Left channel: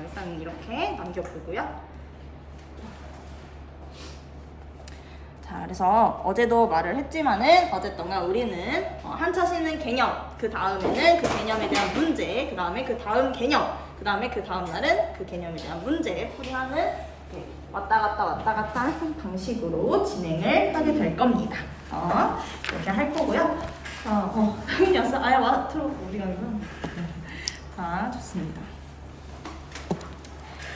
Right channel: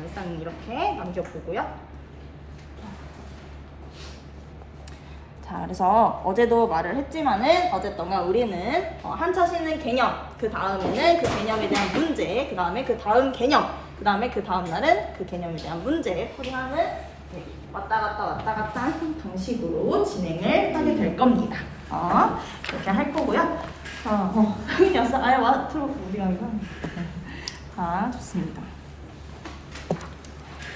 일단 이렇게 남겨보고요. 자, 그래서 어제도 말을 했지만은 어쨌든 우리는 한차 쉬는 개념, 그 다음에는 그 개념에 대한 문제, 그 다음에 그 다음 개념, 그 다음에 그 다음 날은 그 개념에 대한 문제 풀이하는 왔다 갔다 하는 방식으로 진행을 하게 될 겁니다. 이렇게 할 거고요. 당연히었어. 트로프 어디 가는 거야? 자, 좋습니다.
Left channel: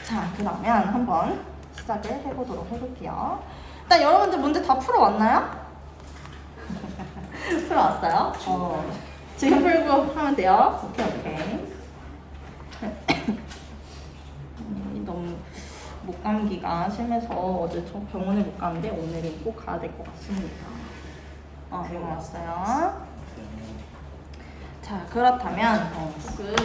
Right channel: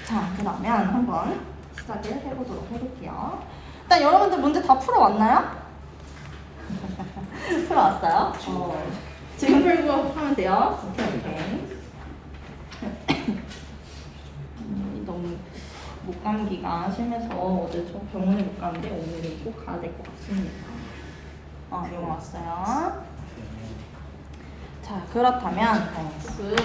자, 그러면 한번 시작을 해보도록 해볼게요. 일단 여러분들 문제 다 풀어왔나요? 풀어왔어요? 지금 풀고 하면 돼요. 오케이. 너무 목감기가 심해서 어제 저 병원에 못 갔는데 오늘은 꼭 가야 될 것 같습니다. 이거 왔어요. 자, 그렇다면 조금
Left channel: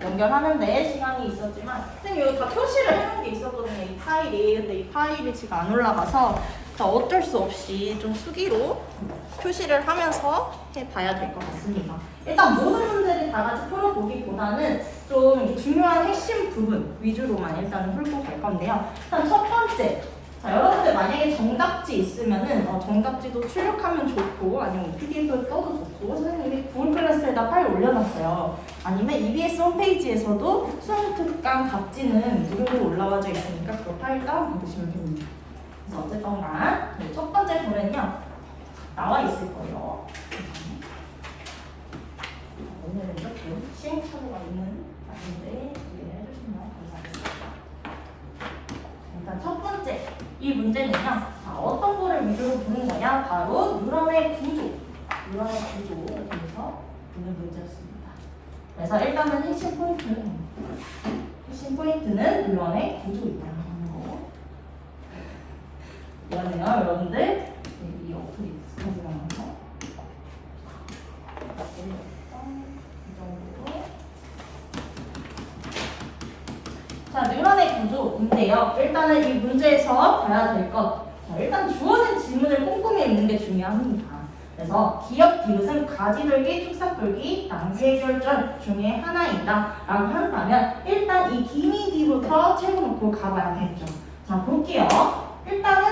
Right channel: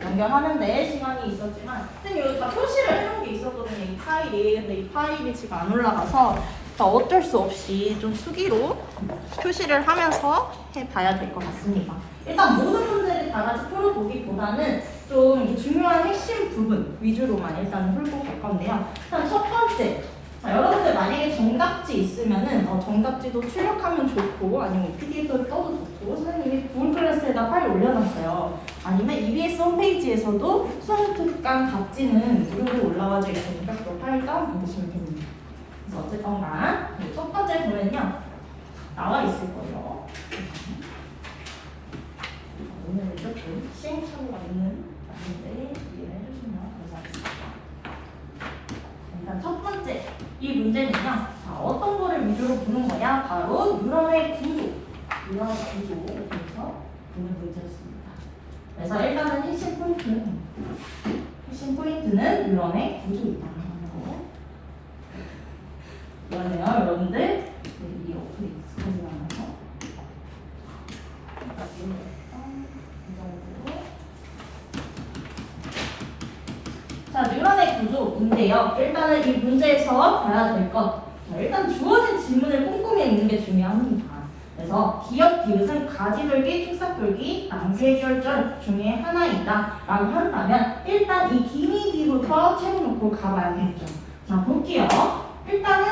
연결하는데 시간이 있었지만 선생님 여기 다 표시를 해놓은 게 있었거든요. 이 파일이. 근데 이 파일이 지금 안 올라가서 어쩔 수 없이 좀 수기로 표시를 하면서 해봐야 될 것 같습니다. 일단 모든 문제를 다 같이 풀어보기보다는 좀 중요한 핵심 부분 위주로만 일단은 풀고 갈 건데요. 일단 첫 번째, 자, 여러분들 만약에 정답지 있으면은 정답지도 출력하면 좋고 아니면 PDF로 떠도 좋고 선생님이 구글 클래스에다 파일 올려놨어요. 아니면 EBS 홈페이지에서도 수능 특강 답지는 무료로 올라와져 있으니까 그 파일 다운받으시면 됩니다. 그래서 어쨌든 간 첫 번째 보면요 나와 있을 거예요. 오늘은 이렇게 시행착오가 있는 날인데 이해를 해주시면 감사하겠습니다. 일단 첫 번째 이 문제는요 어떤 거를 위주로 보는 거냐, 바로 뉴런의 구조에서 보는 문제였습니다. 그래서 일단은 핵심 포인트는 뉴런의 구조이다. 이거네요, 여러분들. 이 어플이 익숙하지가 않아서 이 정도로. 자, 뉴런의 구조인데요. 일단은 이 문제에서 봐야 될 것. 일단 주어진 질문을 꼼꼼히 읽는 게 중요합니다. 그래서 기억 디귿은 가지돌기, 축삭돌기, 낭세결절 중에 하나이다 라고 한다면 일단 이 기미디부터 채워놓고 가봐야겠죠. 자, 볼게요. 일단은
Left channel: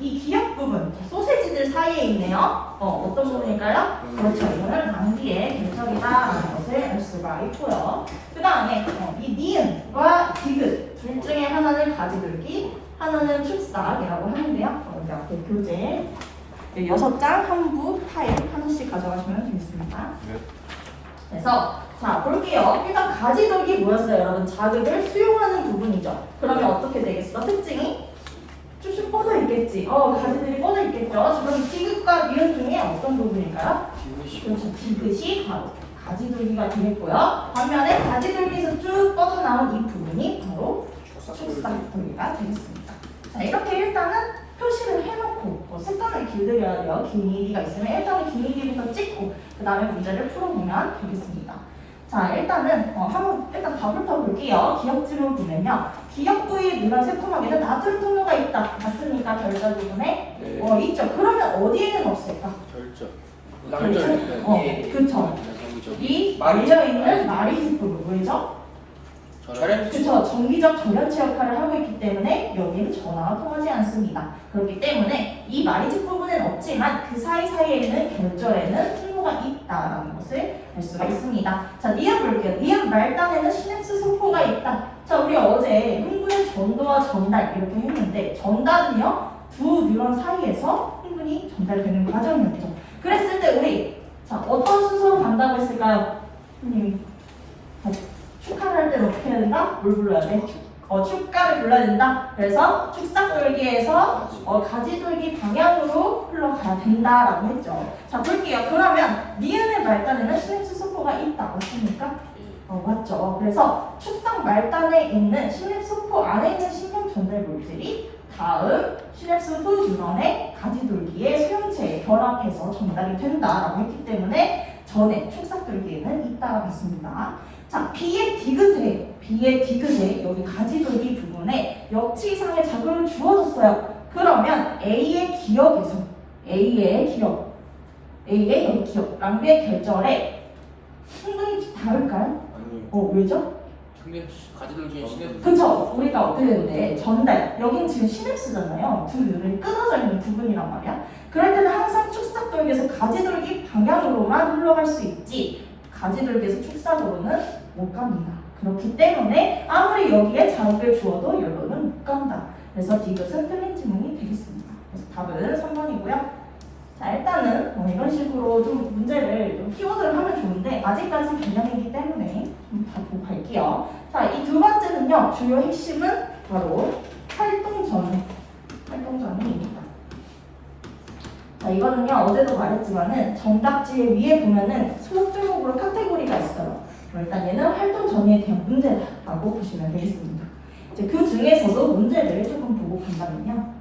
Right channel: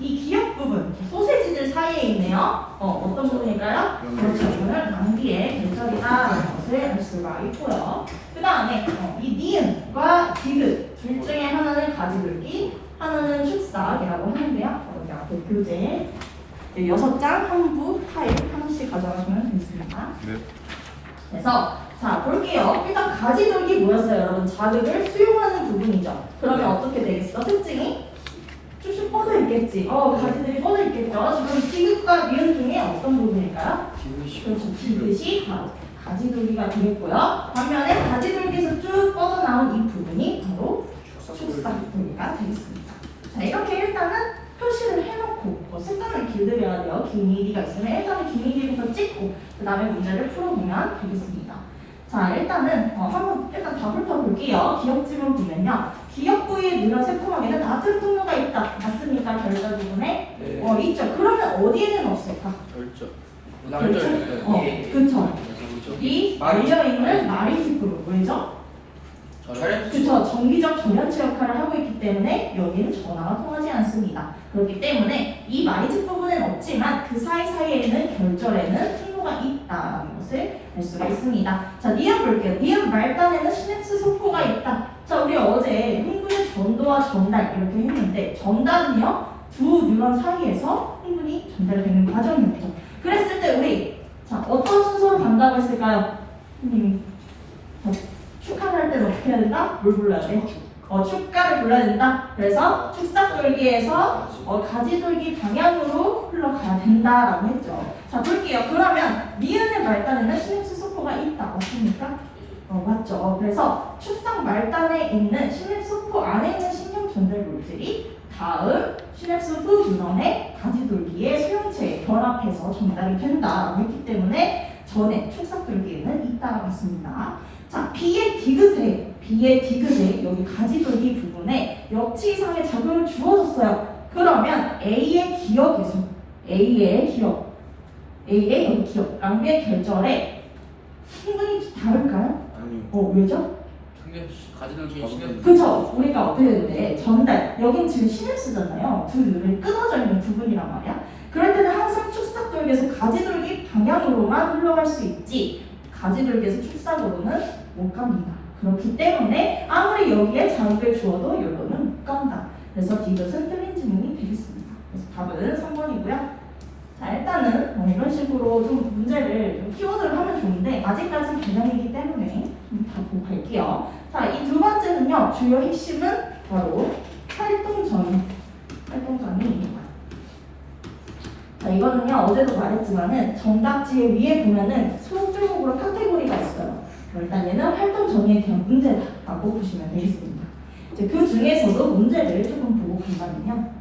이 기억 부분, 소세지들 사이에 있네요. 어떤 부분일까요? 그렇죠. 이거는 낭비의 결절이다라는 것을 알 수가 있고요. 그 다음에 이 니은과 디귿 둘 중에 하나는 가지돌기, 하나는 축삭이라고 하는데요. 자, 교재 6장 한부 파일 하나씩 가져가시면 되겠습니다. 그래서 자, 볼게요. 일단 가지돌기 뭐였어요? 여러분, 자극을 수용하는 부분이죠. 그러면 어떻게 되겠어? 특징이 쭉쭉 뻗어 있겠지. 가지들이 뻗어 있겠죠. 지금 디귿과 니은 중에 어떤 부분일까요? 그렇죠. 디귿이 바로 가지돌기가 되겠고요. 반면에 가지돌기에서 쭉 뻗어 나온 이 부분이 바로 축삭돌기가 되겠습니다. 자, 이렇게 일단은 표시를 해놓고 습관을 길들여야 돼요. 기미디가 있으면 일단은 기미디부터 찍고 그 다음에 문제를 풀어보면 되겠습니다. 자, 일단은 한번 일단 다 훑어볼게요. 기억 지문 보면요. 기억 부위에 누런 새콤하게는 나트륨 통로가 있다. 맞습니까? 결절 부분에? 네. 있죠. 그러면 어디에는 없을까? 결절. 그렇죠. 이 말려있는 마리지 부분. 왜죠? 그렇죠. 정기적 전연체 역할을 하고 있기 때문에 여기는 전화가 통하지 않습니다. 그렇기 때문에 이 마리지 부분은 없지만 그 사이사이에는 결절에는 통로가 있다라는 것을 알 수가 있습니다. 자, 니은 볼게요. 니은 말단에는 시냅스 소포가 있다. 자, 우리 어제 흥분의 전도와 전달 이렇게 했는데 전달은요 두 뉴런 사이에서 흥분이 전달되는 과정이었죠. 그랬을 때 우리 어떤 순서로 간다고 했을까요? 선생님이 축하를 할 때는 어떻게 해야 된다? 뭘 불러야 돼? 축가를 불러야 된다. 그래서 축삭돌기에서 가지돌기 방향으로 흘러가야 된다라고 했죠. 자, 볼게요. 그러면 니은의 말단에는 시냅스 소포가 있다. 맞습니까? 맞죠. 그래서 축삭 말단에 있는 시냅스 소포 안에 있는 신경 전달 물질이 다음 시냅스 후 뉴런의 가지돌기의 소형체에 결합해서 전달이 된다라고 했기 때문에 전에 축삭돌기에는 있다라고 했습니다. 자, B의 디귿에 여기 가지돌기 부분에 역치 이상의 자극을 주어졌어요. 그러면 A의 기억에서 A의 여기 기억 낭비의 결절에 흥분이 다를까요? 아니요. 왜죠? 가지돌기 시계. 그쵸? 우리가 어떻게 해도 돼? 전달. 여긴 지금 시냅스잖아요. 두 눈이 끊어져 있는 부분이란 말이야. 그럴 때는 항상 축삭돌기에서 가지돌기 방향으로만 흘러갈 수 있지 가지돌기에서 축삭으로는 못 갑니다. 그렇기 때문에 아무리 여기에 자극을 주어도 여기는 못 간다. 그래서 이것은 틀린 질문이 되겠습니다. 그래서 답은 3번이고요. 자, 일단은 이런 식으로 좀 문제를 좀 키워드를 하면 좋은데 아직까지 개념이기 때문에 좀 다 보고 갈게요. 자, 이 두 번째는요. 주요 핵심은 바로 활동전입니다. 자, 이거는요. 어제도 말했지만은 정답지 위에 보면은 수업 종목으로 카테고리가 있어요. 일단 얘는 활동전에 대한 문제다라고 보시면 되겠습니다. 이제 그 중에서도 문제를 조금 보고 간다면요.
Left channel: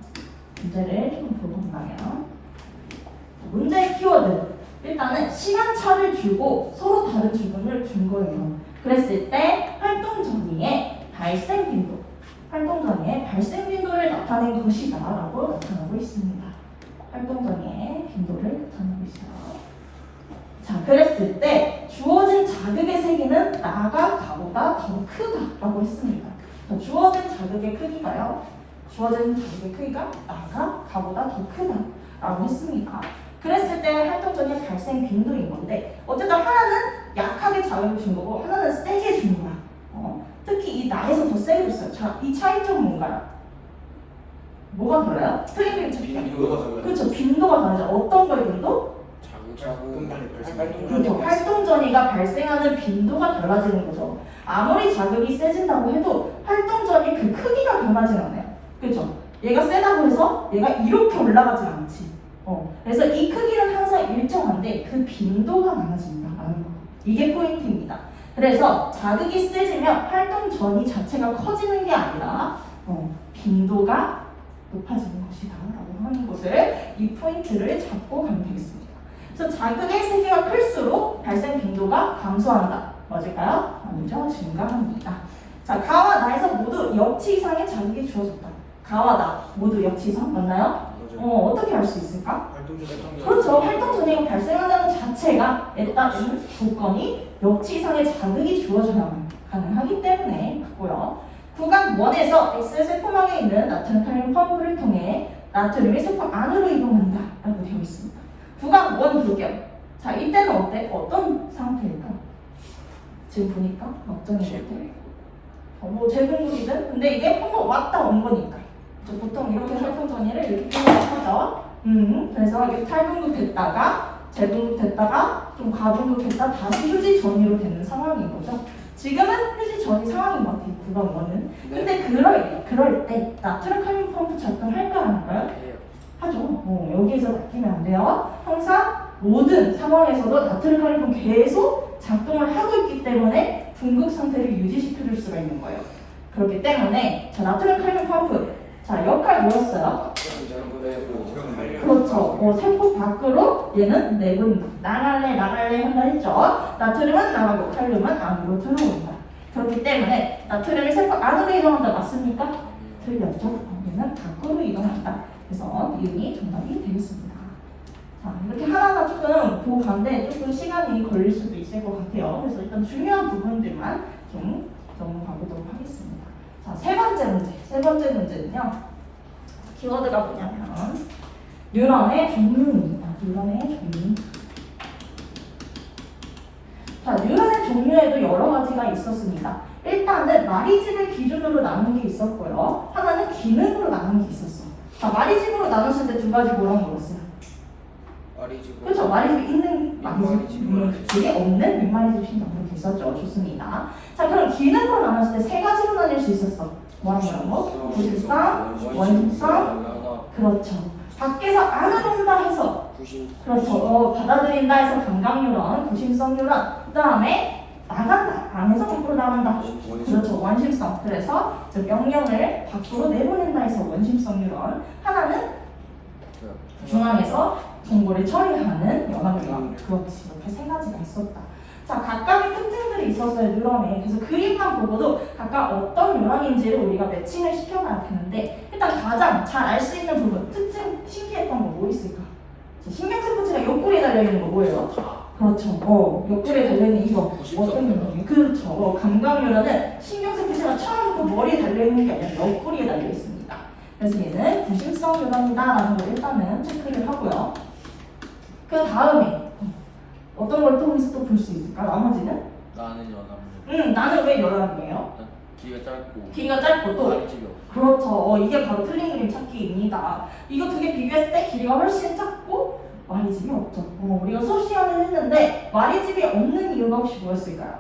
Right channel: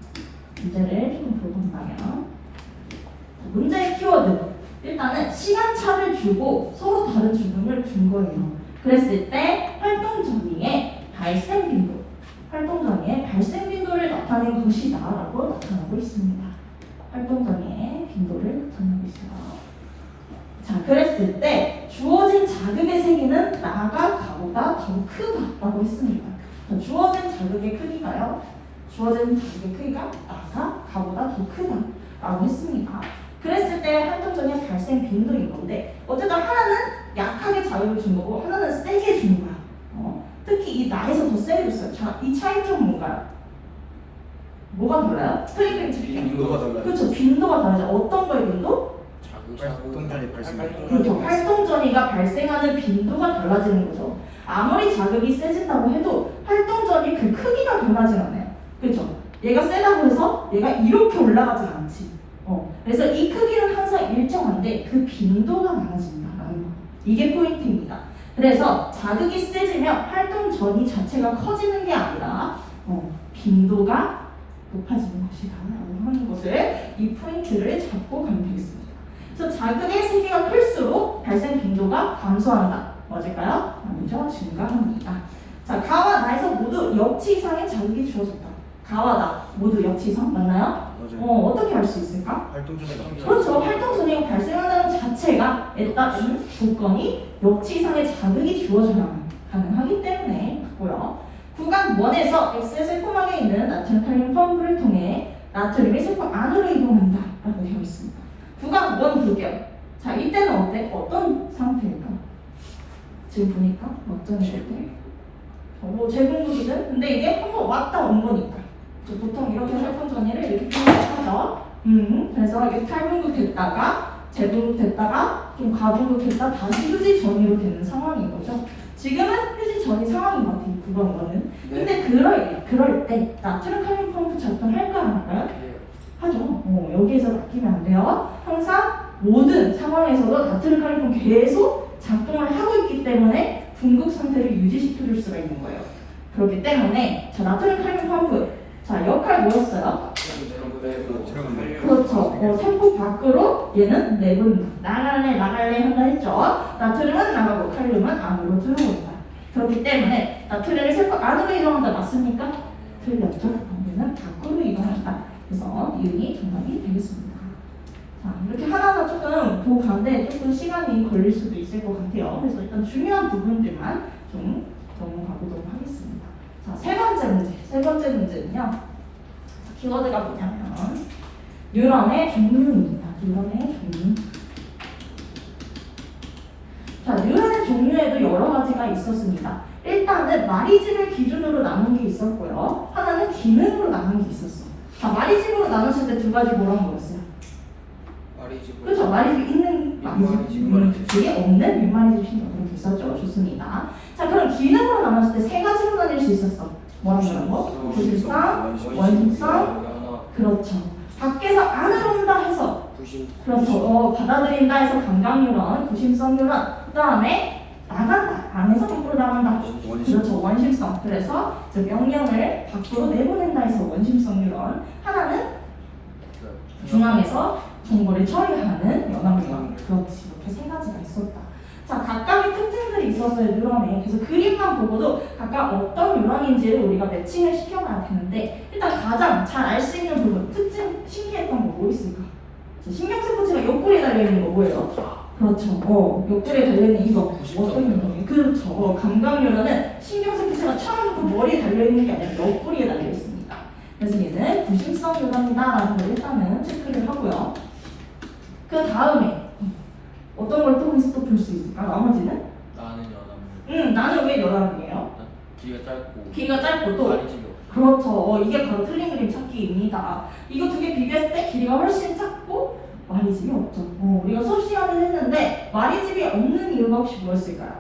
문제의 키워드. 일단은 시간차를 주고 서로 다른 주문을 준 거예요. 그랬을 때 활동 전이의 발생 빈도를 나타낸 것이다 라고 나타나고 있습니다. 활동 전이의 빈도를 나타내고 있어요. 자, 그랬을 때 주어진 자극의 세기는 나가 가보다 더 크다라고 했습니다. 주어진 자극의 크기가요. 나가 가보다 더 크다라고 했습니다. 그랬을 때 활동전의 발생 빈도인 건데 어쨌든 하나는 약하게 자극을 준 거고 하나는 세게 준 거야. 특히 이 나에서 더 세게 줬어요. 자, 이 차이점은 뭔가요? 뭐가 달라요? 빈도가 달라요. 그렇죠. 빈도가 다르죠. 어떤 거의 빈도? 활동전이 발생. 그렇죠. 활동전이가 발생하는 빈도가 달라지는 거죠. 아무리 자극이 세진다고 해도 활동전이 그 크기가 변하진 않아요. 그렇죠. 얘가 세다고 해서 얘가 이렇게 올라가진 않지. 그래서 이 크기는 항상 일정한데 그 빈도가 많아진다라는 거. 이게 포인트입니다. 그래서 자극이 세지면 활동 전이 자체가 커지는 게 아니라 빈도가 높아지는 것이다 라고 하는 것을 이 포인트를 잡고 가면 되겠습니다. 그래서 자극의 세기가 클수록 발생 빈도가 감소한다. 맞을까요? 아니죠. 증가합니다. 자, 가와 나에서 모두 역치 이상의 자극이 주어졌다. 가와 나 모두 역치 이상 맞나요? 어떻게 알 수 있을까? 그렇죠. 활동 전이가 발생한다는 자체가 따른 조건이 역치 이상의 자극이 주어져야만 가능하기 때문에 맞고요. 구간 1에서 X의 세포망에 있는 나트륨 칼륨 펌프를 통해 나트륨이 세포 안으로 이동한다 라고 되어 있습니다. 구간 1 볼게요. 자, 이때는 어떤 상태일까? 지금 보니까 어떤 상태? 제공국이든 근데 이게 한번 왔다 온 거니까 보통 이렇게 활동 전이를 이렇게 표현하죠. 그래서 이게 탈분국 됐다가 재분국 됐다가 좀 가분국 됐다 다시 휴지 전이로 되는 상황인 거죠. 지금은 휴지 전이 상황인 것 같아요. 구간원은. 근데 그럴 때 나트륨 칼륨 펌프 작동할까 안 할까요? 하죠. 여기에서 바뀌면 안 돼요. 항상 모든 상황에서도 나트륨 칼륨 펌프 계속 작동을 하고 있기 때문에 분국 상태를 유지시켜줄 수가 있는 거예요. 그렇기 때문에 자, 나트륨 칼륨 펌프 자, 역할 뭐였어요? 그렇죠. 세포 밖으로 얘는 내보낸다. 나갈래 한다 했죠. 나트륨은 나가고 칼륨은 안으로 들어온다. 그렇기 때문에 나트륨이 세포 안으로 이동한다. 맞습니까? 틀렸죠. 얘는 밖으로 이동한다. 그래서 이응이 정답이 되겠습니다. 자, 이렇게 하나하나 조금 보고 가는데 조금 시간이 걸릴 수도 있을 것 같아요. 그래서 일단 중요한 부분들만 좀 넘어가 보도록 하겠습니다. 자, 세 번째 문제는요. 키워드가 뭐냐면 뉴런의 종류입니다. 자, 뉴런의 종류에도 여러 가지가 있었습니다. 일단은 마리집을 기준으로 나눈 게 있었고요. 하나는 기능으로 나눈 게 있었어요. 자, 마리집으로 나눴을 때 두 가지 뭐라고 먹었어요? 그렇죠. 마리집 있는 마리집이 없는 윗마리집 신경 이렇게 있었죠. 좋습니다. 자, 그럼 기능으로 나눴을 때 세 가지로 나뉠 수 있었어. 뭐라고? 구실성, 원심성. 그렇죠. 밖에서 안으로 온다 해서 그렇죠. 받아들인다 해서 감각뉴런, 구심성 뉴런. 그 다음에 나간다. 안에서 밖으로 나간다. 그렇죠. 원심성. 그래서 명령을 밖으로 내보낸다 해서 원심성 뉴런. 하나는 중앙에서 정보를 처리하는 연합뉴런. 그렇지. 이렇게 세 가지가 있었다. 자, 각각의 특징들이 있었어요. 뉴런에. 그래서 그림만 보고도 각각 어떤 뉴런인지를 우리가 매칭을 시켜봐야 되는데 일단 가장 잘 알 수 있는 부분, 특징, 신기했던 거 뭐 있을까? 신경세포체가 옆구리에 달려있는 거 뭐예요? 그렇죠. 옆구리에 달려있는 이거 어떤 면이에요? 그렇죠. 감각유라는 신경세포체가 처음부터 머리에 달려있는 게 아니라 옆구리에 달려있습니다. 그래서 얘는 구심성 유라입니다라는 걸 일단은 체크를 하고요. 그 다음에 어떤 걸 또 볼 수 있을까? 나머지는? 나는 여담. 나는 왜 여담이에요? 귀가 짧고 또 말이 집요. 그렇죠. 이게 바로 틀린 그림 찾기입니다. 이거 두 개 비교했을 때 길이가 훨씬 작고 말이집이 없죠. 우리가 수업 시간에 했는데 말이집이 없는 이유가 혹시 뭐였을까요?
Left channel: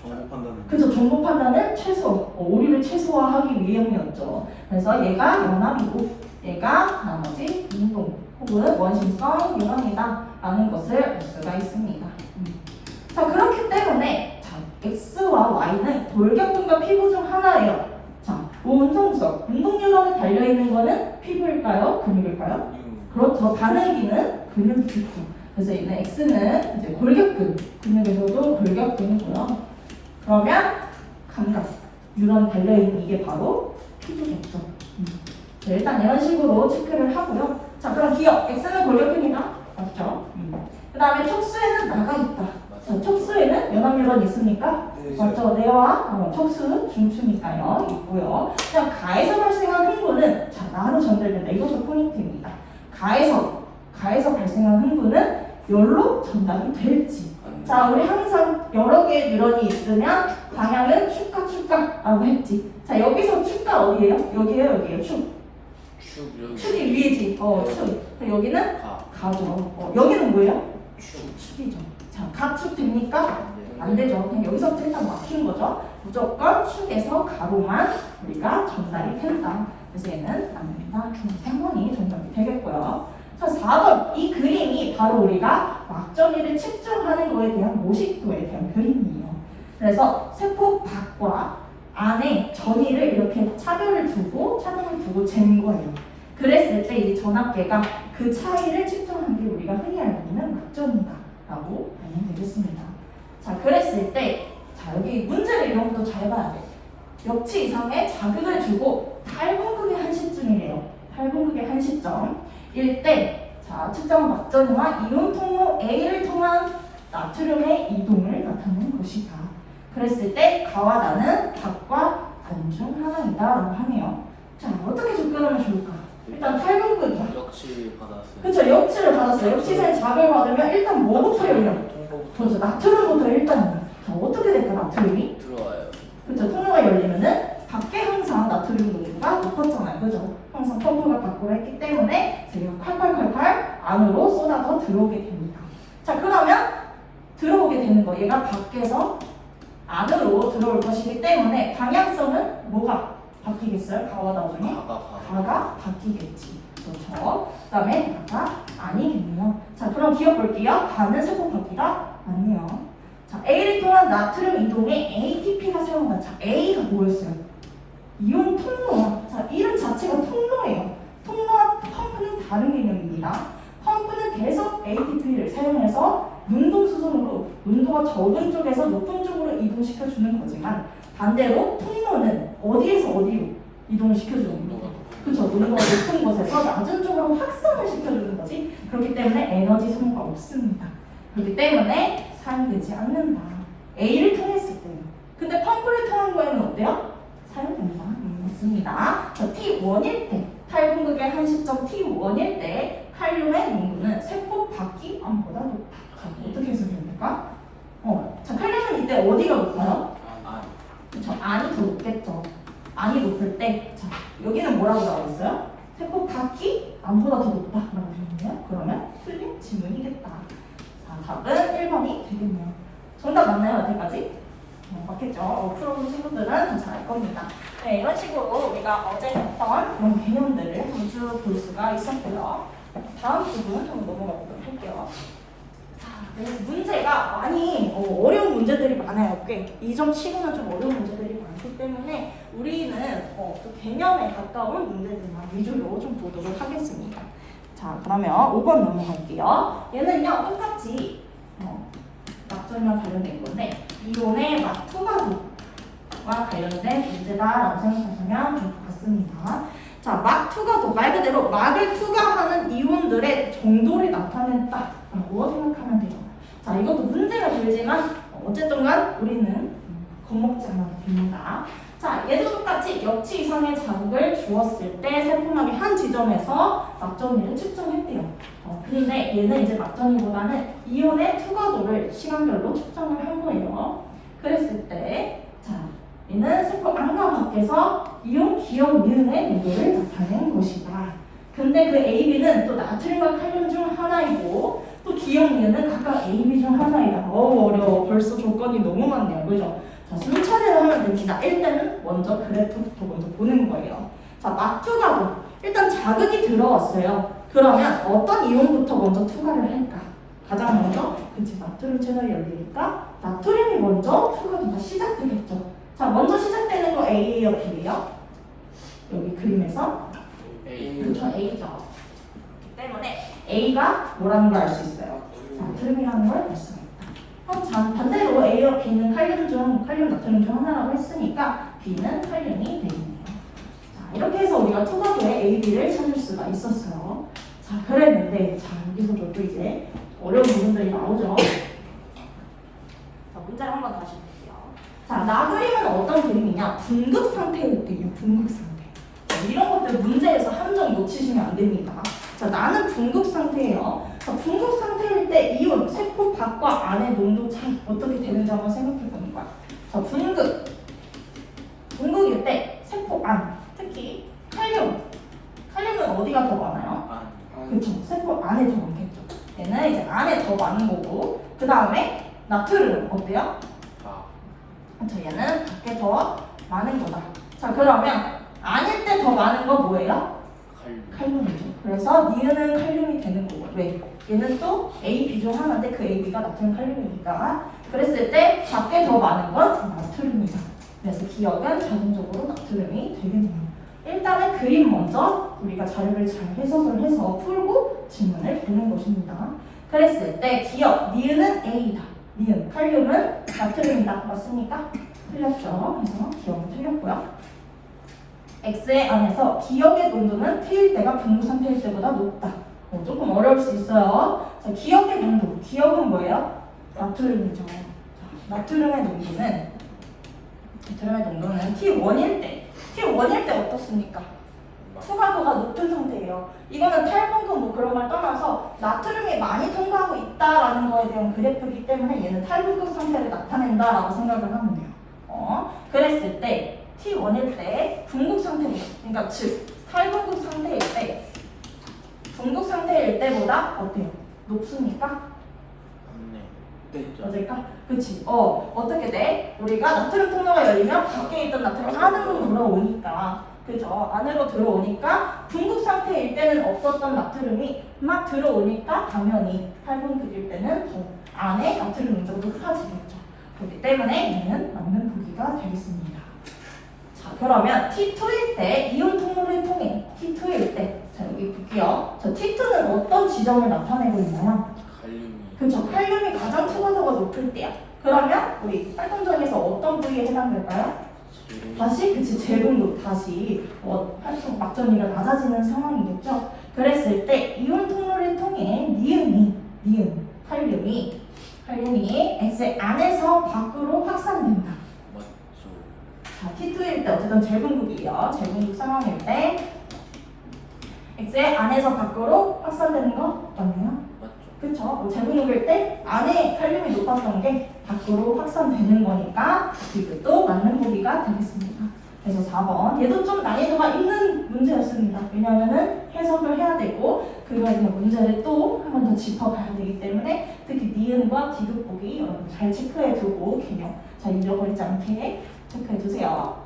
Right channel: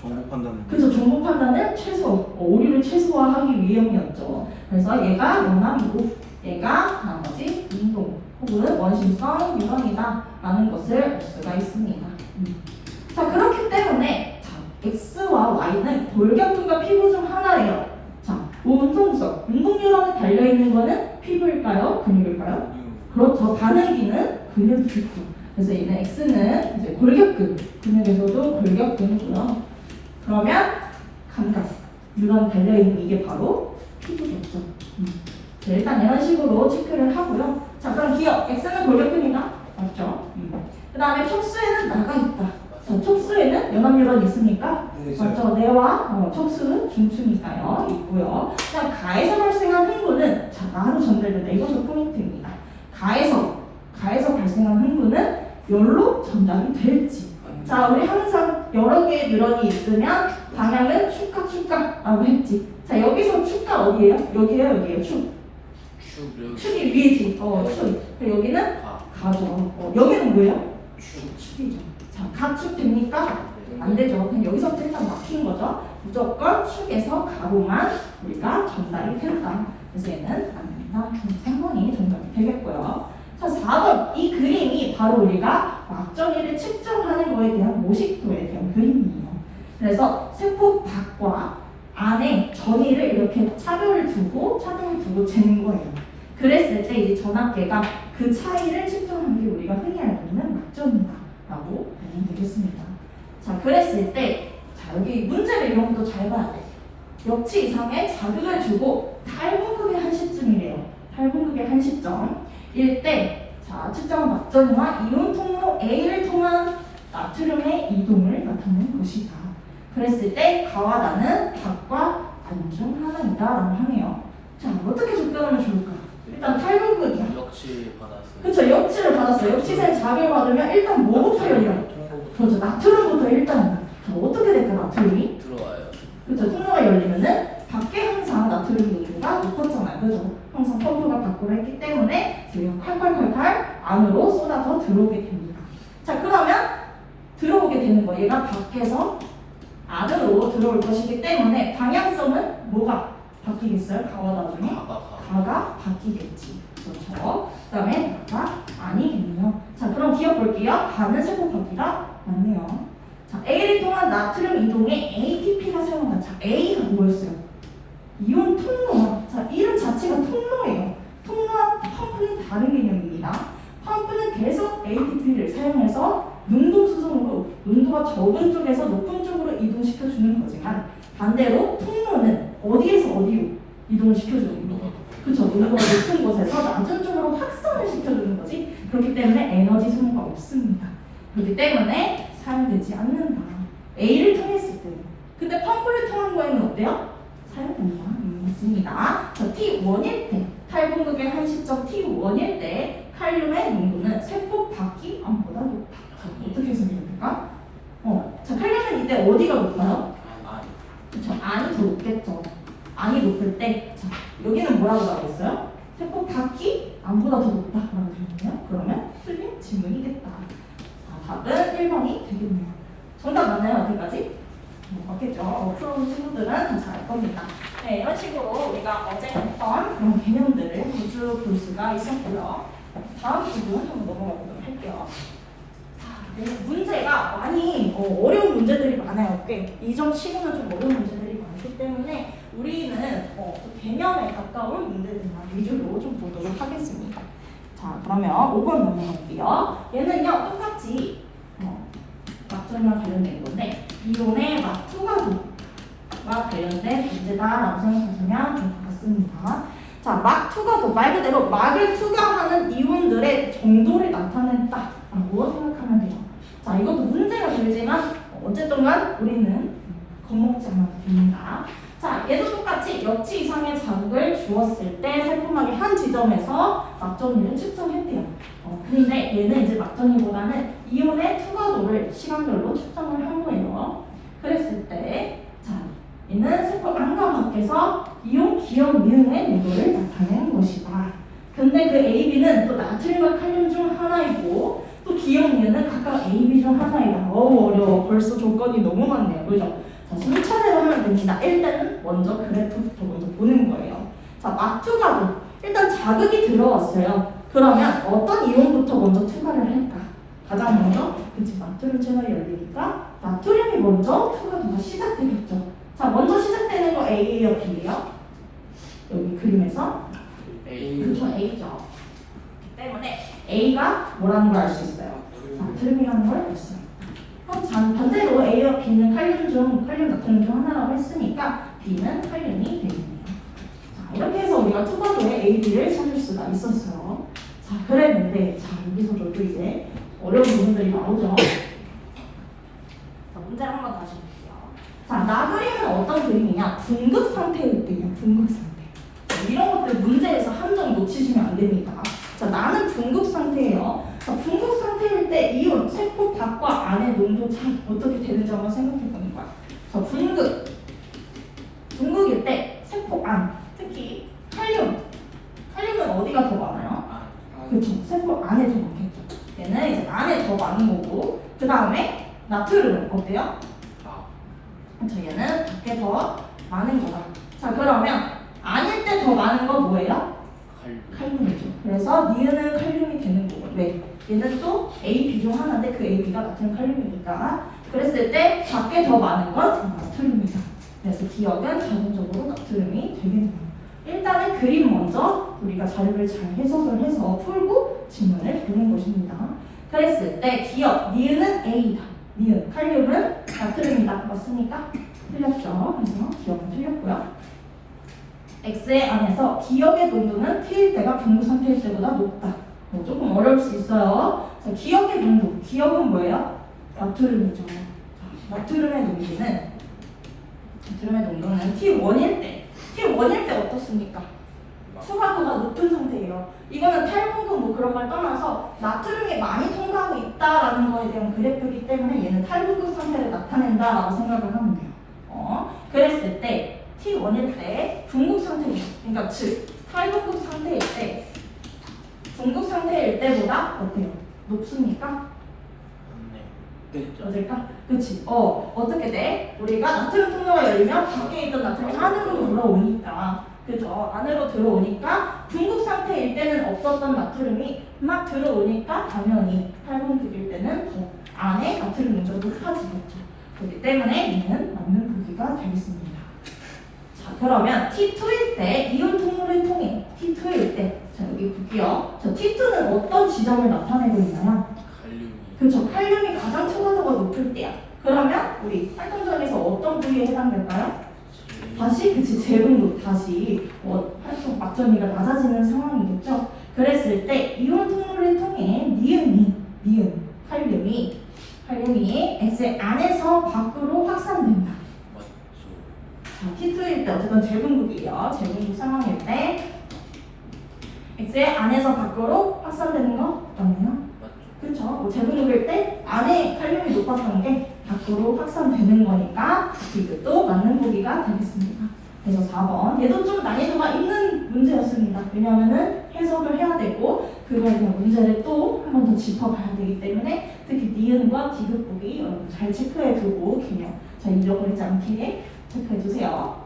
정보 판단은. 그죠. 정보 판단은 최소, 오류를 최소화하기 위함이었죠. 그래서 얘가 연합이고 얘가 나머지 운동 혹은 원심성 유형이다 라는 것을 알 수가 있습니다. 자, 그렇기 때문에 자, X와 Y는 골격근과 피부 중 하나예요. 자, 운동성, 운동유형에 달려있는 거는 피부일까요? 근육일까요? 그렇죠. 반응기는 근육이죠. 그래서 얘는 X는 이제 골격근, 근육에서도 골격근이고요. 그러면 감각, 뉴런 달려있는 이게 바로 피부겠죠. 자, 일단 이런 식으로 체크를 하고요. 자, 그럼 기억, X는 골격근이다? 맞죠? 그 다음에 촉수에는 나가 있다. 자, 촉수에는 연합뉴런이 있습니까? 맞죠? 뇌와 촉수, 중추니까요. 있고요. 자, 가에서 발생한 흥분은 자, 나로 전달된다. 이것도 포인트입니다. 가에서 발생한 흥분은 열로 전달이 될지. 자, 우리 항상 여러 개의 뉴런이 있으면 방향은 축가라고 했지. 자, 여기서 축가 어디예요? 여기에요. 축이 위지. 축. 여기는 가죠. 여기는 뭐예요? 축이죠. 자, 가축 됩니까? 안 되죠. 그냥 여기서부터 일단 막힌 거죠. 무조건 축에서 가로만 우리가 전달이 된다. 그래서 얘는 남자 중 3번이 정답이 되겠고요. 자, 4번. 이 그림이 바로 우리가 막정이를 측정하는 거에 대한 모식도에 대한 그림이에요. 그래서 세포 밖과 안에 전이를 이렇게 차별을 두고 잰 거예요. 그랬을 때 이제 전압계가 그 차이를 측정하는 게 우리가 흔히 알고 있는 막정이다라고 보면 되겠습니다. 자, 그랬을 때 자, 여기 문제를 이런 것도 잘 봐야 돼. 역치 이상의 자극을 주고 8분극의 한 시점이래요. 8분극의 한 시점일 때 자, 측정 막정이와 이온 통로 A를 통한 나트륨의 이동을 나타내는 것이다. 그랬을 때 가와 나는 밖과 안 중 하나이다 라고 하네요. 자, 어떻게 접근하면 좋을까? 일단 8분극이야. 역시 받았어요. 그쵸, 역치를 받았어요. 역치세 자극을 받으면 일단 뭐부터 열려? 그렇죠, 나트륨부터 일단. 자, 어떻게 될까, 나트륨이? 들어와요. 그쵸, 통로가 열리면은 밖에 항상 나트륨 농도가 높았잖아요. 그죠? 항상 펌프가 밖으로 했기 때문에 저희가 콸콸콸콸 안으로 쏟아서 들어오게 됩니다. 자, 그러면 들어오게 되는 거. 얘가 밖에서 안으로 들어올 것이기 때문에 방향성은 뭐가 바뀌겠어요? 가와 나중에? 가가 바뀌겠지. 그렇죠. 그 다음에 나가 아니겠네요. 자, 그럼 기억 볼게요. 가는 세포 바퀴가 맞네요. 자, A를 통한 나트륨 이동에 ATP가 사용한다. 자, A가 뭐였어요? 이온 통로. 자, 이름 자체가 통로예요. 통로와 펌프는 다른 개념입니다. 펌프는 계속 ATP를 사용해서 능동수송으로 농도가 적은 쪽에서 높은 쪽으로 이동시켜주는 거지만 반대로 통로는 어디에서 어디로 이동을 시켜주는 거? 그렇죠. 농도가 높은 곳에서 낮은 쪽으로 확산을 시켜주는 거지. 그렇기 때문에 에너지 소모가 없습니다. 그렇기 때문에 사용되지 않는다. A를 통했을 때. 근데 펌프를 통한 거에는 어때요? 사용된다. 맞습니다. 자, T1일 때, 탈분극의 한 시점 T1일 때 칼륨의 농도는 세포 바퀴 안보다 높다. 어떻게 해석됩니까? 자, 칼륨은 이때 어디가 높아요? 그렇죠. 안이 더 높겠죠. 안이 높을 때, 자, 여기는 뭐라고 나와있어요? 세포 바퀴 안보다 더 높다라고 되었네요. 그러면 틀린 질문이겠다. 자, 답은 1번이 되겠네요. 정답 맞나요? 어디까지? 맞겠죠. 프로그램 친구들은 다 잘 겁니다. 네, 이런 식으로 우리가 어제 했던 그런 개념들을 쭉 볼 수가 있었고요. 다음 부분 한번 넘어가 보도록 할게요. 문제가 많이 어려운 문제들이 많아요. 꽤 이점 치고는 좀 어려운 문제들이 많기 때문에 우리는 또 개념에 가까운 문제들만 위주로 좀 보도록 하겠습니다. 자, 그러면 5번 넘어갈게요. 얘는요 똑같이 막전이랑 관련된 건데 이온의 막투가도와 관련된 문제다라고 생각하시면 될 것 같습니다. 자, 막투가도 말 그대로 막을 투과하는 이온들의 정도를 나타낸다라고 생각하면 돼요. 자, 이것도 문제가 들지만 어쨌든 간 우리는 겁먹지 않아도 됩니다. 자, 얘도 똑같이 역치 이상의 자극을 주었을 때 살포막의 한 지점에서 막정리를 측정했대요. 근데 얘는 이제 막정리보다는 이온의 투과도를 시간별로 측정을 한 거예요. 그랬을 때, 자, 얘는 살포 안과 밖에서 이온 기억 미음의 농도를 나타낸 것이다. 근데 그 AB는 또 나트륨과 칼륨 중 하나이고 또 기억 미음은 각각 AB 중 하나이다. 너무 어려워. 벌써 조건이 너무 많네요. 그죠? 자, 순차례로 하면 됩니다. 일단은 먼저 그래프부터 먼저 보는 거예요. 자, 막투과도. 일단 자극이 들어왔어요. 그러면 어떤 이온부터 먼저 투과를 할까? 가장 먼저, 그치, 나트륨 채널이 열리니까 나트륨이 먼저 투과도가 시작되겠죠. 자, 먼저 시작되는 거 A예요, B예요? 여기 그림에서 그렇죠, A죠. 그렇기 때문에 A가 뭐라는 걸 알 수 있어요. 나트륨이라는 걸 알 수 있다. 그럼 반대로 A와 B는 칼륨, 나트륨 중 하나라고 했으니까 B는 칼륨이 되겠네요. 자, 이렇게 해서 우리가 투과도의 A, B를 찾을 수가 있었어요. 자, 그랬는데, 자, 여기서도 또 이제 어려운 부분들이 나오죠. 자, 문제를 한번 다시 볼게요. 자, 나그림은 어떤 그림이냐? 분극 상태일 때예요. 분극 상태. 자, 이런 것들 문제에서 함정 놓치시면 안 됩니다. 자, 나는 분극 상태예요. 자, 분극 상태일 때 이온 세포 밖과 안의 농도 차이 어떻게 되는지 한번 생각해 보는 거야. 자, 분극일 때 세포 안, 특히 칼륨은 어디가 더 많아요? 그렇죠. 세포 안에 더 많겠죠. 얘는 이제 안에 더 많은 거고, 그 다음에 나트륨은 어때요? 자, 얘는 밖에 더 많은 거다. 자, 그러면 아닐 때 더 많은 거 뭐예요? 칼륨이죠. 그래서 니은은 칼륨이 되는 거고. 왜? 얘는 또 A, B 중 하나인데 그 A, B가 나트륨 칼륨이니까. 그랬을 때 밖에 더 많은 건 나트륨이다. 그래서 기억은 자동적으로 나트륨이 되겠네요. 일단은 그림 먼저 우리가 자료를 잘 해석을 해서 풀고 질문을 보는 것입니다. 그랬을 때 기억, 니은은 A다. 니은, 칼륨은 나트륨이다. 맞습니까? 틀렸죠. 그래서 기억은 틀렸고요. X의 안에서 기억의 농도는 T일 때가 분무 상태일 때보다 높다. 조금 어려울 수 있어요. 자, 기억의 농도. 기억은 뭐예요? 나트륨이죠. 자, 나트륨의 농도는 T1일 때 어떻습니까? 투과도가 높은 상태예요. 이거는 탈분금 뭐 그런 걸 떠나서 나트륨이 많이 통과하고 있다라는 거에 대한 그래프이기 때문에 얘는 탈분급 상태를 나타낸다라고 생각을 하면 돼요. 그랬을 때 T1일 때 분급 상태예요. 그러니까 즉 탈분급 상태일 때 분급 상태일 때보다 어때요? 높습니까? 맞을까? 그치? 어떻게 돼? 우리가 나트륨 통로가 열리면 밖에 있던 나트륨이 안으로 들어오니까, 그죠? 안으로 들어오니까 분급 상태일 때는 없었던 나트륨이 막 들어오니까 당연히 탈분급일 때는 더 안에 나트륨 농도가 높아지겠죠. 그렇기 때문에 얘는 맞는 보기가 되겠습니다. 자, 그러면 T2일 때 이온 통로를 통해 T2일 때, 자 여기 볼게요. 자, T2는 어떤 지점을 나타내고 있나요? 그렇죠. 칼륨이 가장 투과도가 높을 때야. 그러면 우리 활동점에서 어떤 부위에 해당될까요? 다시 그치 제분도 다시 활동 막정리가 낮아지는 상황이겠죠. 그랬을 때 이온 통로를 통해 니은 칼륨이 X의 안에서 밖으로 확산된다. 자, T2일 때 어쨌든 제분국이에요. 제분국 상황일 때 X의 안에서 밖으로 확산되는 거 맞나요? 그쵸? 뭐 제분국일 때 안에 칼륨이 높았던 게 밖으로 확산되는 거니까 이것도 맞는 보기가 되겠습니다. 그래서 4번 얘도 좀 난이도가 있는 문제였습니다. 왜냐하면은 해석을 해야 되고 그거에 대한 문제를 또 한 번 더 짚어봐야 되기 때문에 특히 니은과 디귿 보기 여러분 잘 체크해두고 균형 잘 잊어버리지 않게 체크해두세요.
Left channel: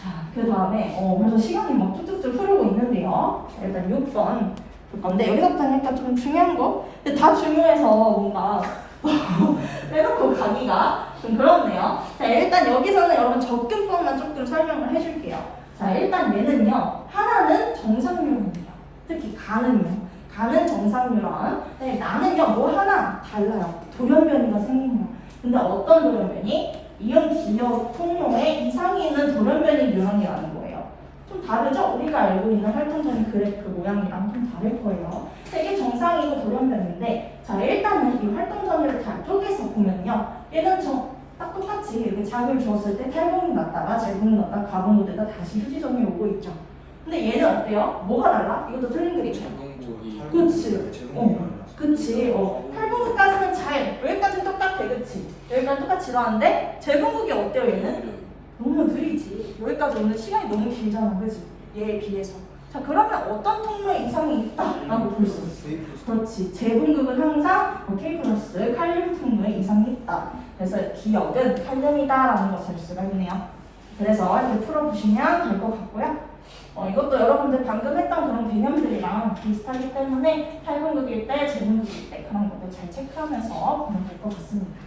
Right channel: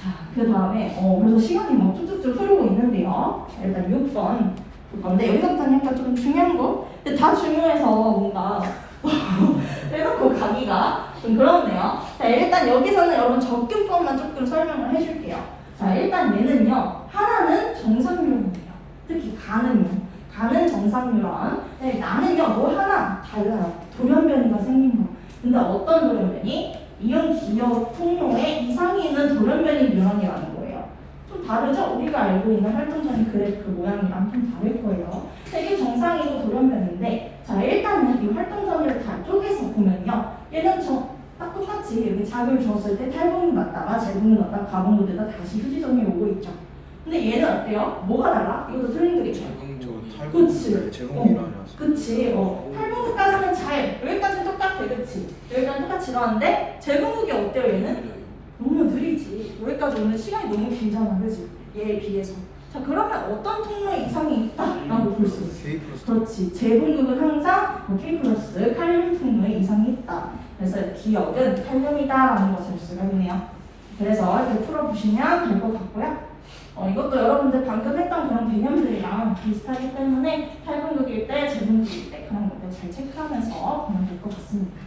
자, 그 다음에 그래서 시간이 막 쭉쭉쭉 흐르고 있는데요. 일단 6번 근데 여기서부터 하니까 좀 중요한 거? 근데 다 중요해서 뭔가 빼놓고 가기가 좀 그렇네요. 자, 일단 여기서는 여러분 접근법만 조금 설명을 해줄게요. 자, 일단 얘는요. 하나는 정상유형이에요. 특히 가는 정상유형. 근데 나는요. 뭐 하나 달라요. 돌연변이가 생긴 거예요. 근데 어떤 돌연변이? 이온 기억 통로에 이상이 있는 돌연변이 유형이라는 거예요. 좀 다르죠? 우리가 알고 있는 활동적인 그래프 모양이랑 좀 다를 거예요. 되게 정상이고 돌연변인데 자 일단은 이 활동점을 다 얘는 딱 똑같이 여기 작을 주었을 때 탈분무 났다가 재분무 났다가 가분무 되다 다시 휴지점이 오고 있죠. 근데 얘는 어때요? 뭐가 달라? 이것도 틀린 그림이야. 그치. 제공이라서. 그치. 탈분무까지는 여기까지는 똑같아. 그치. 여기까지 똑같이 일어나는데 재분무기 어때요 얘는? 너무 느리지. 여기까지 오는 시간이 너무 길잖아. 그치? 얘에 비해서. 자, 그러면 어떤 통로에 이상이 있다라고 볼 수 있어? 그렇지. 재분급은 항상 K 플러스 칼륨 통로에 이상이 있다. 그래서 기억은 칼륨이다라는 것을 알 수가 있네요. 그래서 이렇게 풀어보시면 될 것 같고요. 이것도 여러분들 방금 했던 그런 개념들이랑 비슷하기 때문에 탈분급일 때, 재분급일 때 그런 것도 잘 체크하면서 보면 될 것 같습니다.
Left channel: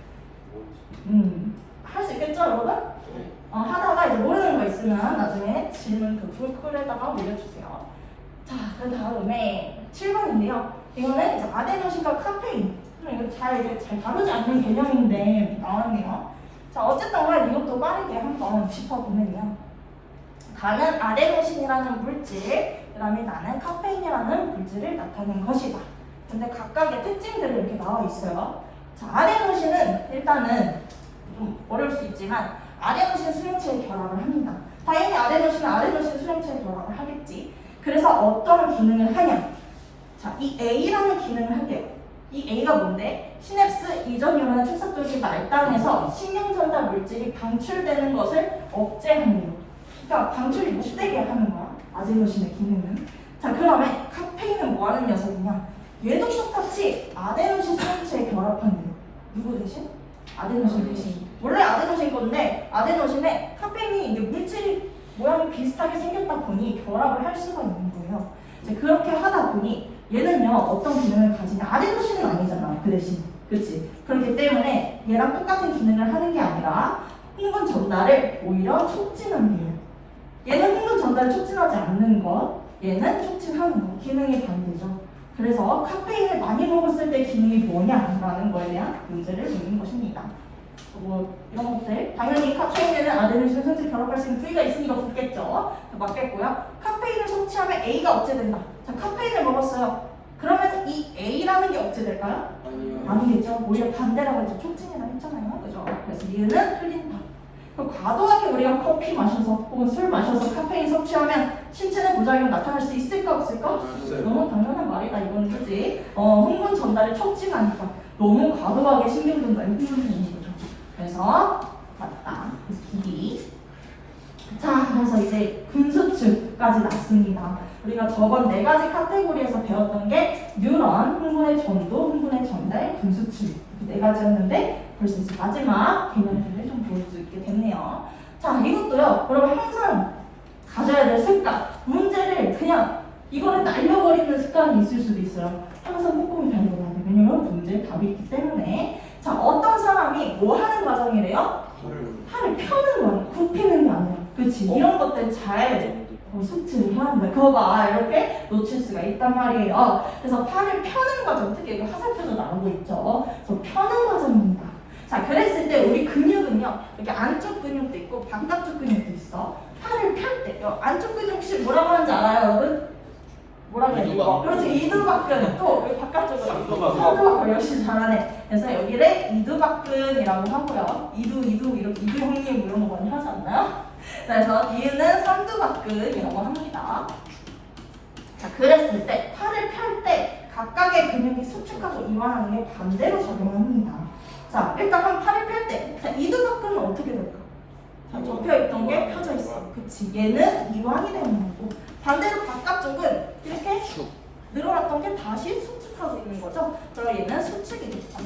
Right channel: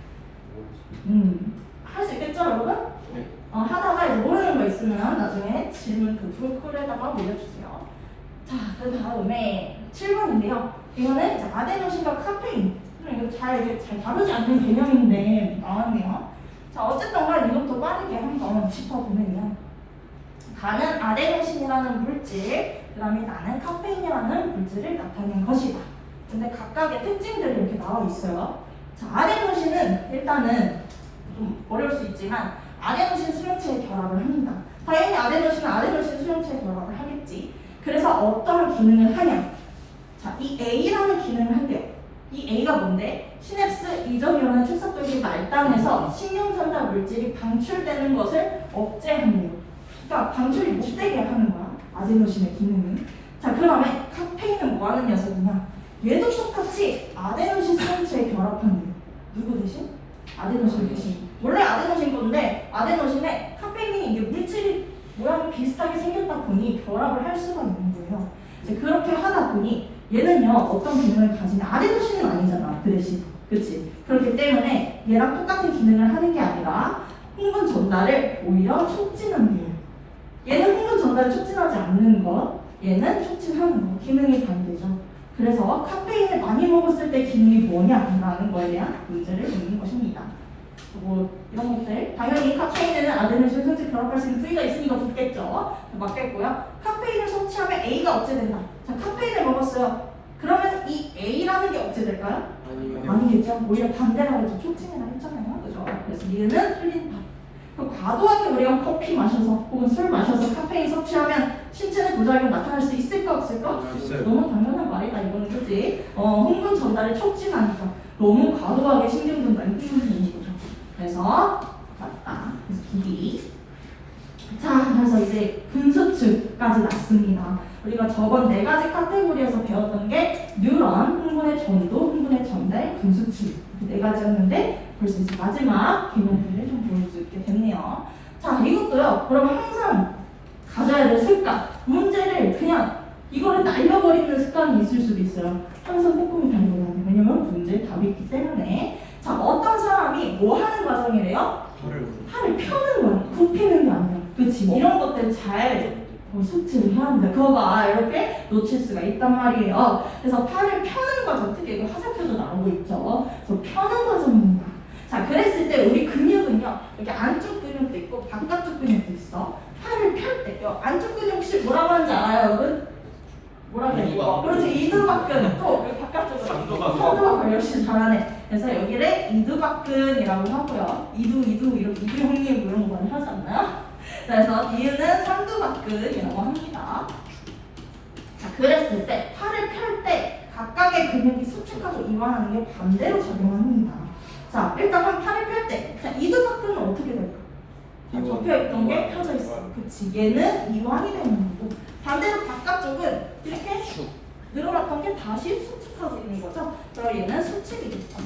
할 수 있겠죠, 여러분? 네. 하다가 이제 모르는 거 있으면 나중에 질문 그 풀콜에다가 올려주세요. 자, 그 다음에 7번인데요. 이거는 이제 아데노신과 카페인. 이거 잘 다루지 않는 개념인데 나왔네요. 자, 어쨌든 간에 이것도 빠르게 한번 짚어보면요. 가는 아데노신이라는 물질, 그 다음에 나는 카페인이라는 물질을 나타낸 것이다. 근데 각각의 특징들이 이렇게 나와 있어요. 자, 아데노신은 일단은 좀 어려울 수 있지만 아데노신 수용체에 결합을 합니다. 당연히 아데노신은 아데노신 수용체에 결합을 하겠지. 그래서 어떤 기능을 하냐? 자, 이 A라는 기능을 한대요. 이 A가 뭔데? 시냅스 이전 뉴런의 축삭도시가 알당해서 신경전달 물질이 방출되는 것을 억제한대요. 그러니까 방출이 못되게 하는 거야. 아데노신의 기능은. 자, 그러면 카페인은 뭐 하는 녀석이냐? 얘도 똑같이 아데노신 수용체에 결합한대요. 누구 대신? 아데노신 대신. 원래 아데노신 건데 아데노신에 카페인이 이게 물질이 모양이 비슷하게 생겼다 보니 결합을 할 수가 있는 거예요. 이제 그렇게 하다 보니 얘는요 어떤 기능을 가지냐? 아데노신은 아니잖아. 그 대신. 그치? 그렇기 때문에 얘랑 똑같은 기능을 하는 게 아니라 흥분 전달을 오히려 촉진하는 거예요. 얘는 흥분 전달을 촉진하지 않는 것, 얘는 촉진하는 것. 기능이 반대죠. 그래서 카페인을 많이 먹었을 때 기능이 뭐냐라는 거에 대한 문제를 묻는 것입니다. 뭐 이런 것들 당연히 카페인에는 아데노신 수용체 결합할 수 있는 부위가 있으니까 붙겠죠. 맞겠고요. 카페인을 섭취하면 A가 억제된다. 자, 카페인을 먹었어요. 그러면 이 A라는 게 억제될까요? 아니겠죠. 오히려 반대라고 했죠. 촉진이라고 했잖아요. 그죠? 그래서 얘는 틀린다. 과도하게 우리가 커피 마셔서 혹은 술 마셔서 카페인 섭취하면 신체의 부작용 나타날 수 있을까 없을까? 너무 당연한 말이다 이건. 그지? 흥분 전달을 촉진하니까 너무 과도하게 신경전달이 흥분되는 거죠. 그래서 맞다. 그래서 기기. 자, 그래서 이제 근수축까지 났습니다. 우리가 저번 4가지 카테고리에서 배웠던 게 뉴런, 흥분의 전도, 흥분의 전달, 근수축 이렇게 4가지였는데 벌써 이제 마지막 개념들을 좀 볼 수 있게 됐네요. 자, 이것도요. 여러분 항상 가져야 될 습관. 문제를 그냥 이거를 날려버리는 습관이 있을 수도 있어요. 항상 꼼꼼히 달려야 돼요. 왜냐면 문제에 답이 있기 때문에. 자, 어떤 사람이 뭐 하는 과정이래요? 팔을 펴는 거야. 굽히는 게 아니라. 그치? 이런 것들 잘 숙지를 해야 합니다. 그거가 이렇게 놓칠 수가 있단 말이에요. 그래서 팔을 펴는 과정, 특히 이거 화살표도 나오고 있죠. 그래서 펴는 과정입니다. 자, 그랬을 때 우리 근육은요, 이렇게 안쪽 근육도 있고 바깥쪽 근육도 있어. 팔을 펼 때, 안쪽 근육 혹시 뭐라고 하는지 알아요, 여러분? 뭐라고 해요? 그렇지, 이두박근. 또 여기 바깥쪽으로. 선두박근 역시 잘하네. 그래서 여기를 이두박근이라고 하고요. 이두 이렇게 이두 형님 뭐 이런 거 많이 하지 않나요? 그래서 이유는 삼두박근이라고 합니다. 자, 그랬을 때 팔을 펼 때 각각의 근육이 수축하고 이완하는 게 반대로 작용합니다. 자, 일단 한 팔을 펼 때, 자, 이두박근은 어떻게 될까? 자, 접혀있던 게 펴져 있어. 그치? 얘는 이완이 되는 거고, 반대로 바깥쪽은 이렇게 늘어났던 게 다시 수축하고 있는 거죠. 그럼 얘는 수축이 됐다.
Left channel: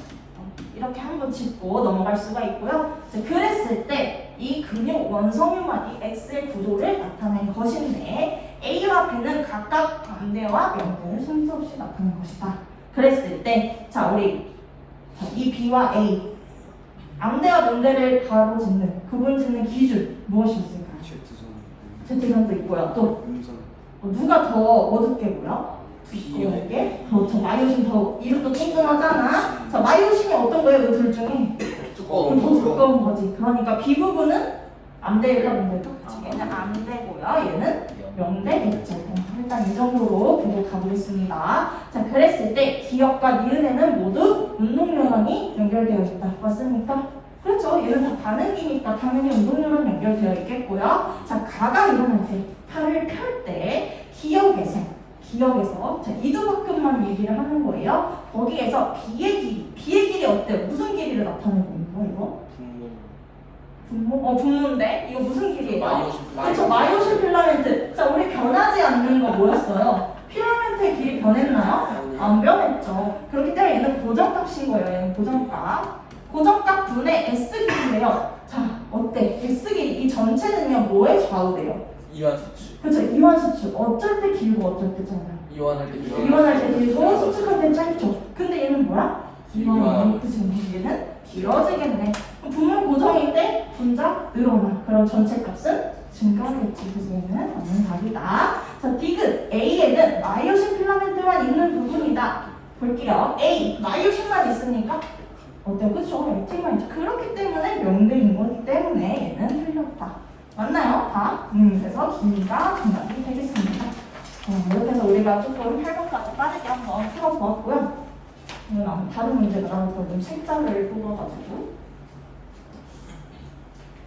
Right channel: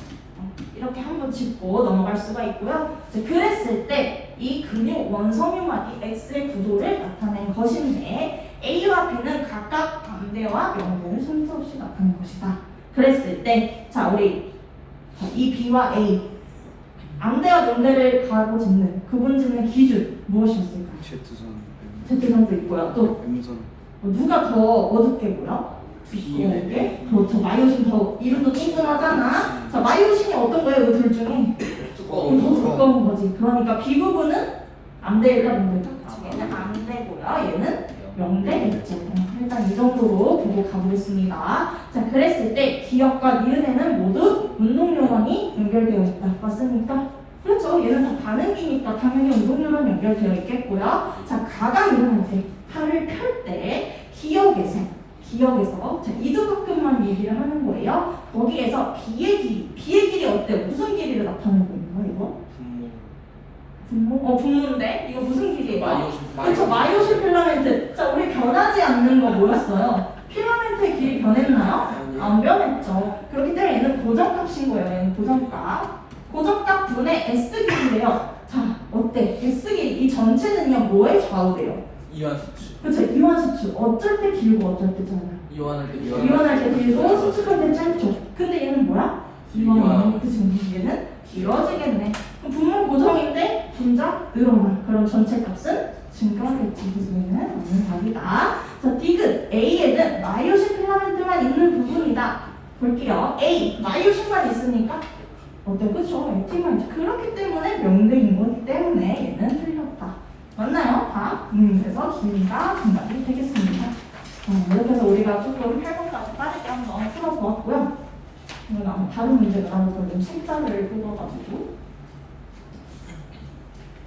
이렇게 한번 짚고 넘어갈 수가 있고요. 자, 그랬을 때 이 근육 원성유마디 X의 구조를 나타낸 것인데 A와 B는 각각 암대와 명대를 순서 없이 나타낸 것이다. 그랬을 때, 자, 우리 이 B와 A 암대와 명대를 가로 짓는 구분 짓는 기준 무엇이었을까요? Z선도 있고요. 또 누가 더 어둡게 보여? 두껍게. 그렇죠. 마이오신 더 이름도 찡그하잖아. 자, 마이오신이 어떤 거예요? 이 둘 중에 더 두꺼운 거지. 그러니까 B 부분은 암대일까 명대일까? 얘는 암대고요. 얘는 명대겠죠. 일단 이 정도로 계속 가보겠습니다. 자, 그랬을 때 기억과 니은에는 모두 운동 뉴런이 연결되어 있다. 맞습니까? 그렇죠. 얘는 다 반응이니까 당연히 운동량은 연결되어 있겠고요. 자, 가가 일어날 때, 팔을 펼 때 기억에서 자, 이두박근만 얘기를 하는 거예요. 거기에서 비의 길이 어때? 무슨 길이를 나타내고 있는 거야, 이거? 분모인데? 이거 무슨 길이에요? 그렇죠. 마이오시 필라멘트. 자, 우리 변하지 않는 거 뭐였어요? 필라멘트의 길이 변했나요? 안 변했죠. 그렇기 때문에 얘는 고정값인 거예요. 얘는 고정값. 고정값 분의 S 길이래요. 자, 어때? S 길이 이 전체는요 뭐에 좌우돼요? 이완 수치. 그렇죠. 이완 수축. 어쩔 때 길고 어쩔 때 짧아요. 이완할 때 길고 수축할 때 짧죠. 근데 얘는 뭐야? 이완해. 그치? 얘는 길어지겠네. 분모 고정일 때 분자 늘어나. 그럼 전체 값은 증가하겠지. 그래서 얘는 없는 답이다. 자, 디귿 A에는 마이오신 필라멘트만 있는 부분이다. 볼게요. A 마이오신만 있으니까 어때요? 그쵸? 액티만 있죠. 그렇기 때문에 명대인 거기 때문에 얘는 틀렸다. 맞나요? 다? 그래서 B가 정답이 되겠습니다. 이렇게 해서 우리가 조금 8번까지 빠르게 한번 풀어보았고요. 오늘 아마 다른 문제가 나올 거예요. 책자를 뽑아가지고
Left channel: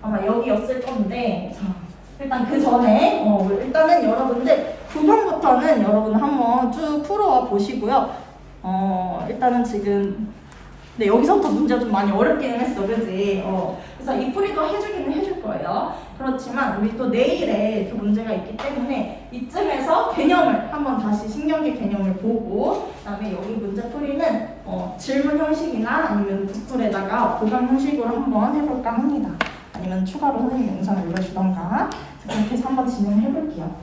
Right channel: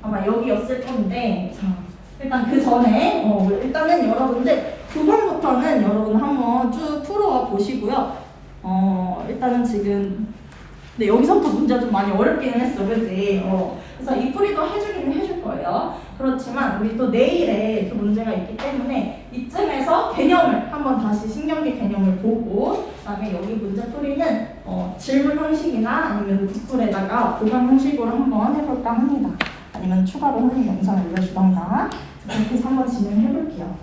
아마 여기였을 건데, 자, 일단 그 전에 일단은 여러분들 9번부터는 여러분 한번 쭉 풀어와 보시고요. 일단은 지금 네, 여기서부터 문제가 좀 많이 어렵기는 했어, 그지? 그래서 이 풀이도 해주기는 해줄 거예요. 그렇지만 우리 또 내일에 또 문제가 있기 때문에 이쯤에서 개념을 한번 다시 신경계 개념을 보고, 그다음에 여기 문제 풀이는 질문 형식이나 아니면 북풀에다가 보강 형식으로 한번 해볼까 합니다. 아니면 추가로 선생님 영상 올려주던가 그렇게 해서 한번 진행해 볼게요.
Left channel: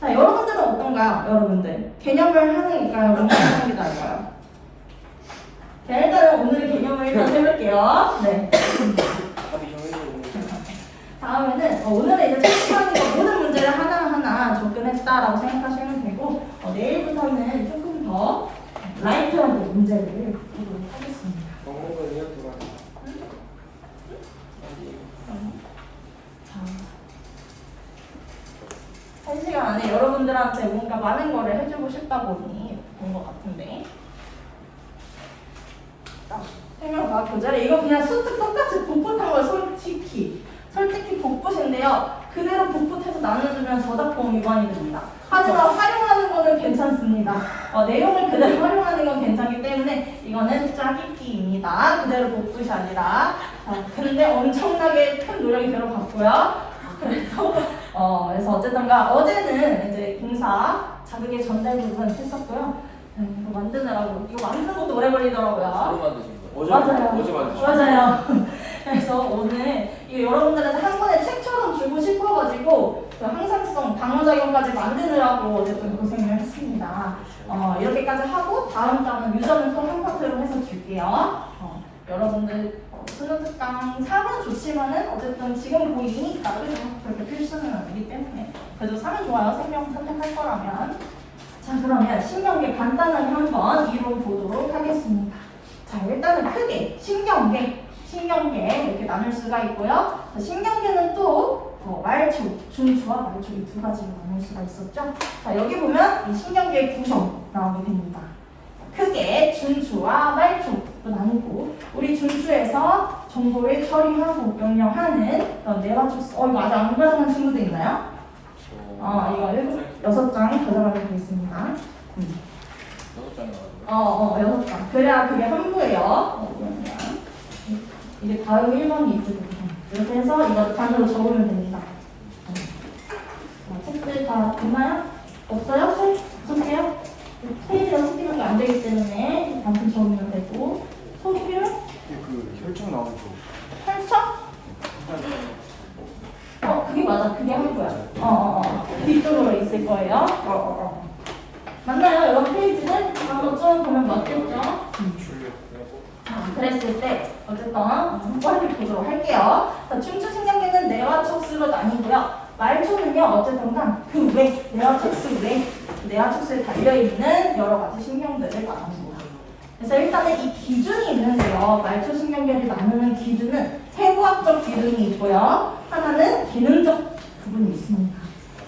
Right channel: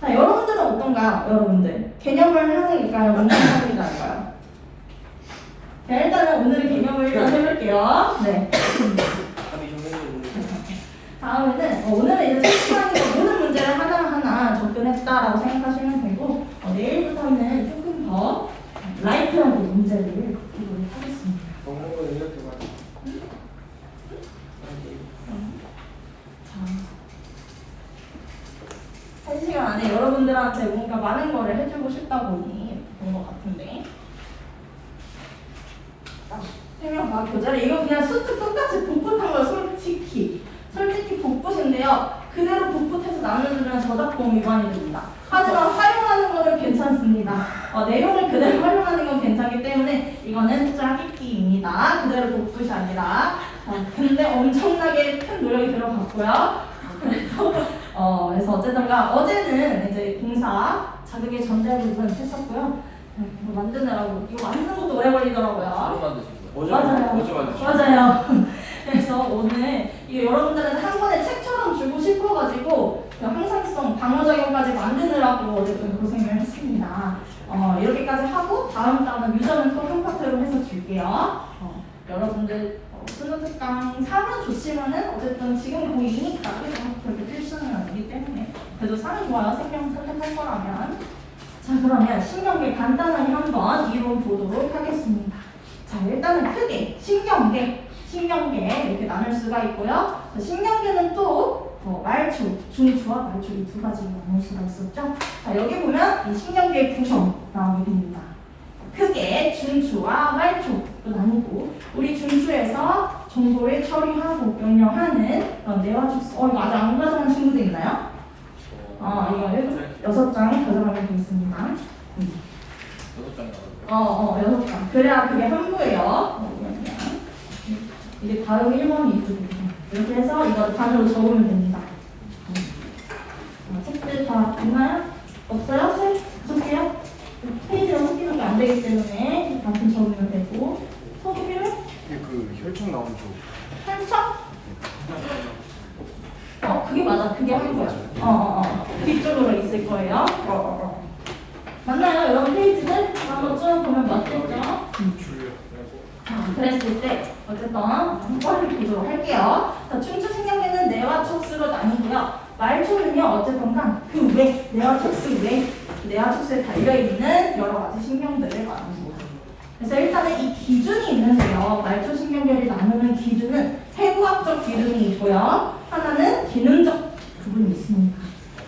자, 여러분들은 어떤가요? 여러분들 개념을 하는일까요? 문제풀이일까요? 자, 일단은 오늘의 개념을 일단 해볼게요. 네. 다음에는 오늘은 이제 첫 시간이고 모든 문제를 하나하나 접근했다라고 생각하시면 되고, 내일부터는 조금 더 라이트하게 문제를 풀도록 하겠습니다. 한 시간 안에 여러분들한테 뭔가 많은 거를 해주고 싶다 보니 된 것 같은데. 생명과학 교재를 이거 그냥 수트 똑같이 복붙한 거예요. 솔직히 복붙인데요. 그대로 복붙해서 나눠주면 저작권 위반이 됩니다. 하지만 활용하는 거는 괜찮습니다. 내용을 그대로 활용하는 건 괜찮기 때문에 이거는 짜깁기입니다. 그대로 복붙이 아니라. 근데 엄청나게 큰 노력이 들어갔고요. 그래서 어쨌든가 어제는 이제 공사 자극의 전달 부분 했었고요. 이거 만드느라고 이거 만드는 것도 오래 걸리더라고요. 맞아요. 그래서 오늘 이 여러분들한테 한 번에 책처럼 주고 싶어가지고 그 항상성 방어작용까지 만드느라고 어쨌든 고생을 했습니다. 이렇게까지 하고 다음 달은 유전을 또 한 파트로 해서 줄게요. 여러분들 수능 특강 3은 좋지만은 어쨌든 지금 보이니까 그렇게 필수는 아니기 때문에 그래도 3은 좋아요. 생명 선택할 거라면. 자, 그러면 신경계 간단하게 한번 이루어 보도록 하겠습니다. 자, 일단은 크게 신경계 이렇게 나눌 수가 있고요. 자, 신경계는 또 말초, 중추와 말초 이 두 가지로 나눌 수가 있었죠. 자, 여기 보면 이 신경계 구성 나오게 됩니다. 크게 중추와 말초로 나누고, 우리 중추에서 정보를 처리하고 명령하는 뇌와촉수. 이거 아직 안 가져간 친구도 있나요? 이거 6장 가져가게 되겠습니다. 6장. 그래야 그게 한부예요. 이게 다음 1번이 있습니다. 이렇게 해서 이걸 단어로 적으면 됩니다. 책들 다 있나요? 없어요? 적게요? 페이지가 섞이는 게 안 되기 때문에 단순 적으면 되고, 속이면? 혈청 나오죠. 혈청? 그게 맞아. 그게 한부야. 뒤쪽으로 있을 거예요. 맞나요? 여러분 페이지는 한번 쭉 보면 맞겠죠? 그랬을 때 어쨌든 빨리 보도록 할게요. 자, 중추신경계는 뇌와촉수로 나뉘고요. 말초는요 어쨌든 그 외, 뇌와촉수 외, 뇌와촉수에 달려있는 여러 가지 신경들을 나눕니다. 그래서 일단은 이 기준이 있는데요. 말초신경계를 나누는 기준은 해부학적 기준이 있고요. 하나는 기능적 부분이 있습니다.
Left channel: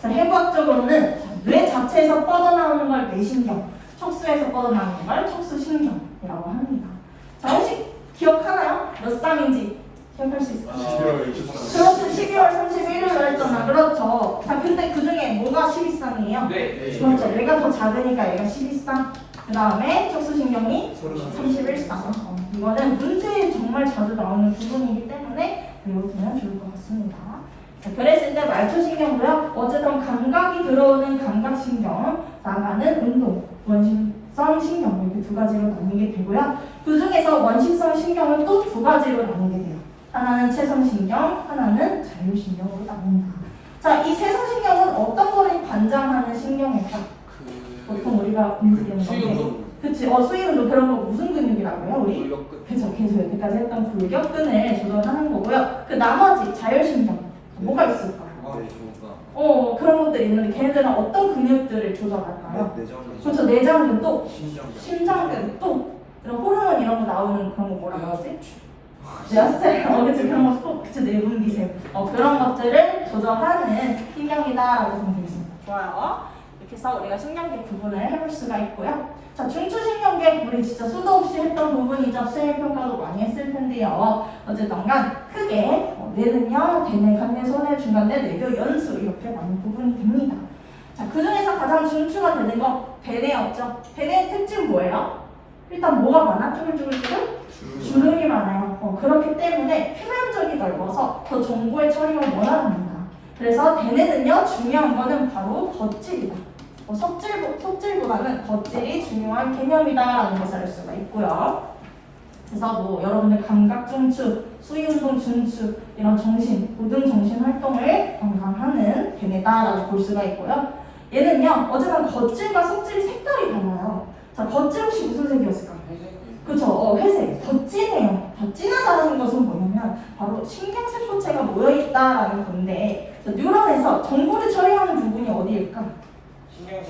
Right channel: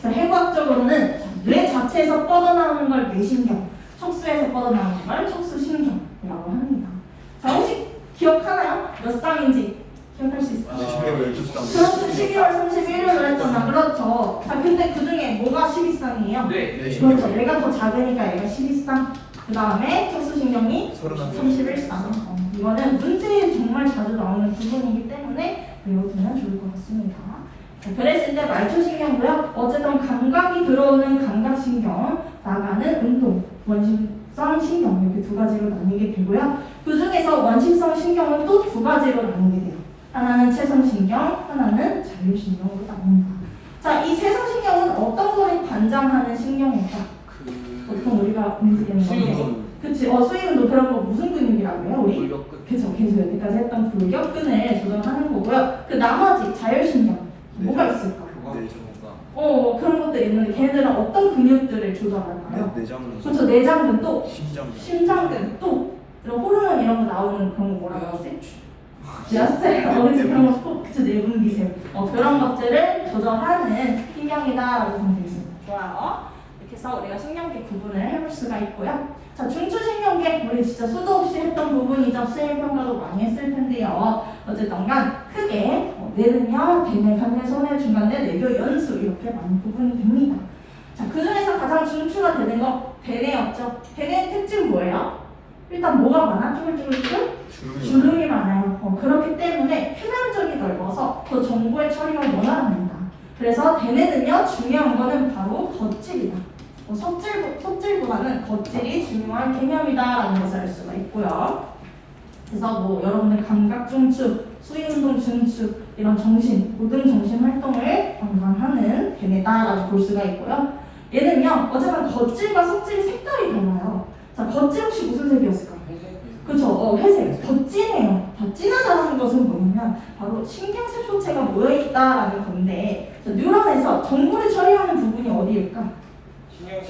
그래서 해부학적으로는 뇌 자체에서 뻗어나오는 걸 뇌신경, 척수에서 뻗어나오는 걸 척수신경이라고 합니다. 자, 혹시 기억하나요? 몇 쌍인지 기억할 수 있어요? 12월 12일. 그렇죠. 12월 31일로 했잖아. 그렇죠. 자, 근데 그 중에 뭐가 12쌍이에요? 네. 그렇죠. 얘가 더 작으니까 얘가 12쌍. 그 다음에 척수신경이 31쌍. 이거는 문제에 정말 자주 나오는 부분이기 때문에 외우시면 좋을 것 같습니다. 그랬을 때 말초신경고요. 어쨌든 감각이 들어오는 감각신경, 나가는 운동, 원심성 신경 이렇게 두 가지로 나뉘게 되고요. 그 중에서 원심성 신경은 또 두 가지로 나뉘게 돼요. 하나는 체성신경, 하나는 자율신경으로 나옵니다. 자, 이 체성신경은 어떤 거를 관장하는 신경일까? 보통 우리가 움직이는 건데. 그치, 수위운동 그런 거 무슨 근육이라고 해요, 우리? 골격근. 그쵸, 계속 여기까지 했던 골격근을 조절하는 거고요. 그 나머지 자율신경, 뭐가 있을까? 그런 것들이 있는데 걔네들은 어떤 근육들을 조절할까요? 내장근. 그렇죠, 내장근 또 심장근. 심장근 또 이런 호르몬 이런 거 나오는 그런 거 뭐라고 하지? 야스텔 어디서 그런 거 그치, 내분비세 그런 것들을 조절하는 신경이다라고 보면 되겠습니다. 좋아요. 이렇게 해서 우리가 신경계 구분을 해볼 수가 있고요. 자, 중추신경계 우리 진짜 수도 없이 했던 부분이죠. 수행평가도 많이 했을 텐데요. 어쨌든 간 크게 뇌는요, 대뇌, 간뇌, 소뇌, 중간뇌, 뇌교, 연수 이렇게 나눈 부분이 됩니다. 자, 그 중에서 가장 중추가 되는 거 대뇌였죠. 대뇌의 특징 뭐예요? 일단 뭐가 많아? 쭈글쭈글쭈글? 주름이 많아요. 그렇기 때문에 표면적이 넓어서 더 정보의 처리가 원활합니다. 그래서 대뇌는요, 중요한 거는 바로 덧질이다. 속질보다는 덧질이 중요한 개념이다라는 것을 알 수가 있고요. 그래서 뭐 여러분들 감각 중추, 수위운동 중추 이런 모든 정신 활동을 관장하는 개념이다라고 볼 수가 있고요. 얘는요, 어쨌든 덧질과 속질 색깔이 달라요. 자, 덧질 혹시 무슨 색이었을까? 그쵸, 회색. 더 진해요. 더 진하다는 것은 뭐냐면 바로 신경세포체가 모여있다라는 건데, 자, 뉴런에서 정보를 처리하는 부분이 어디일까?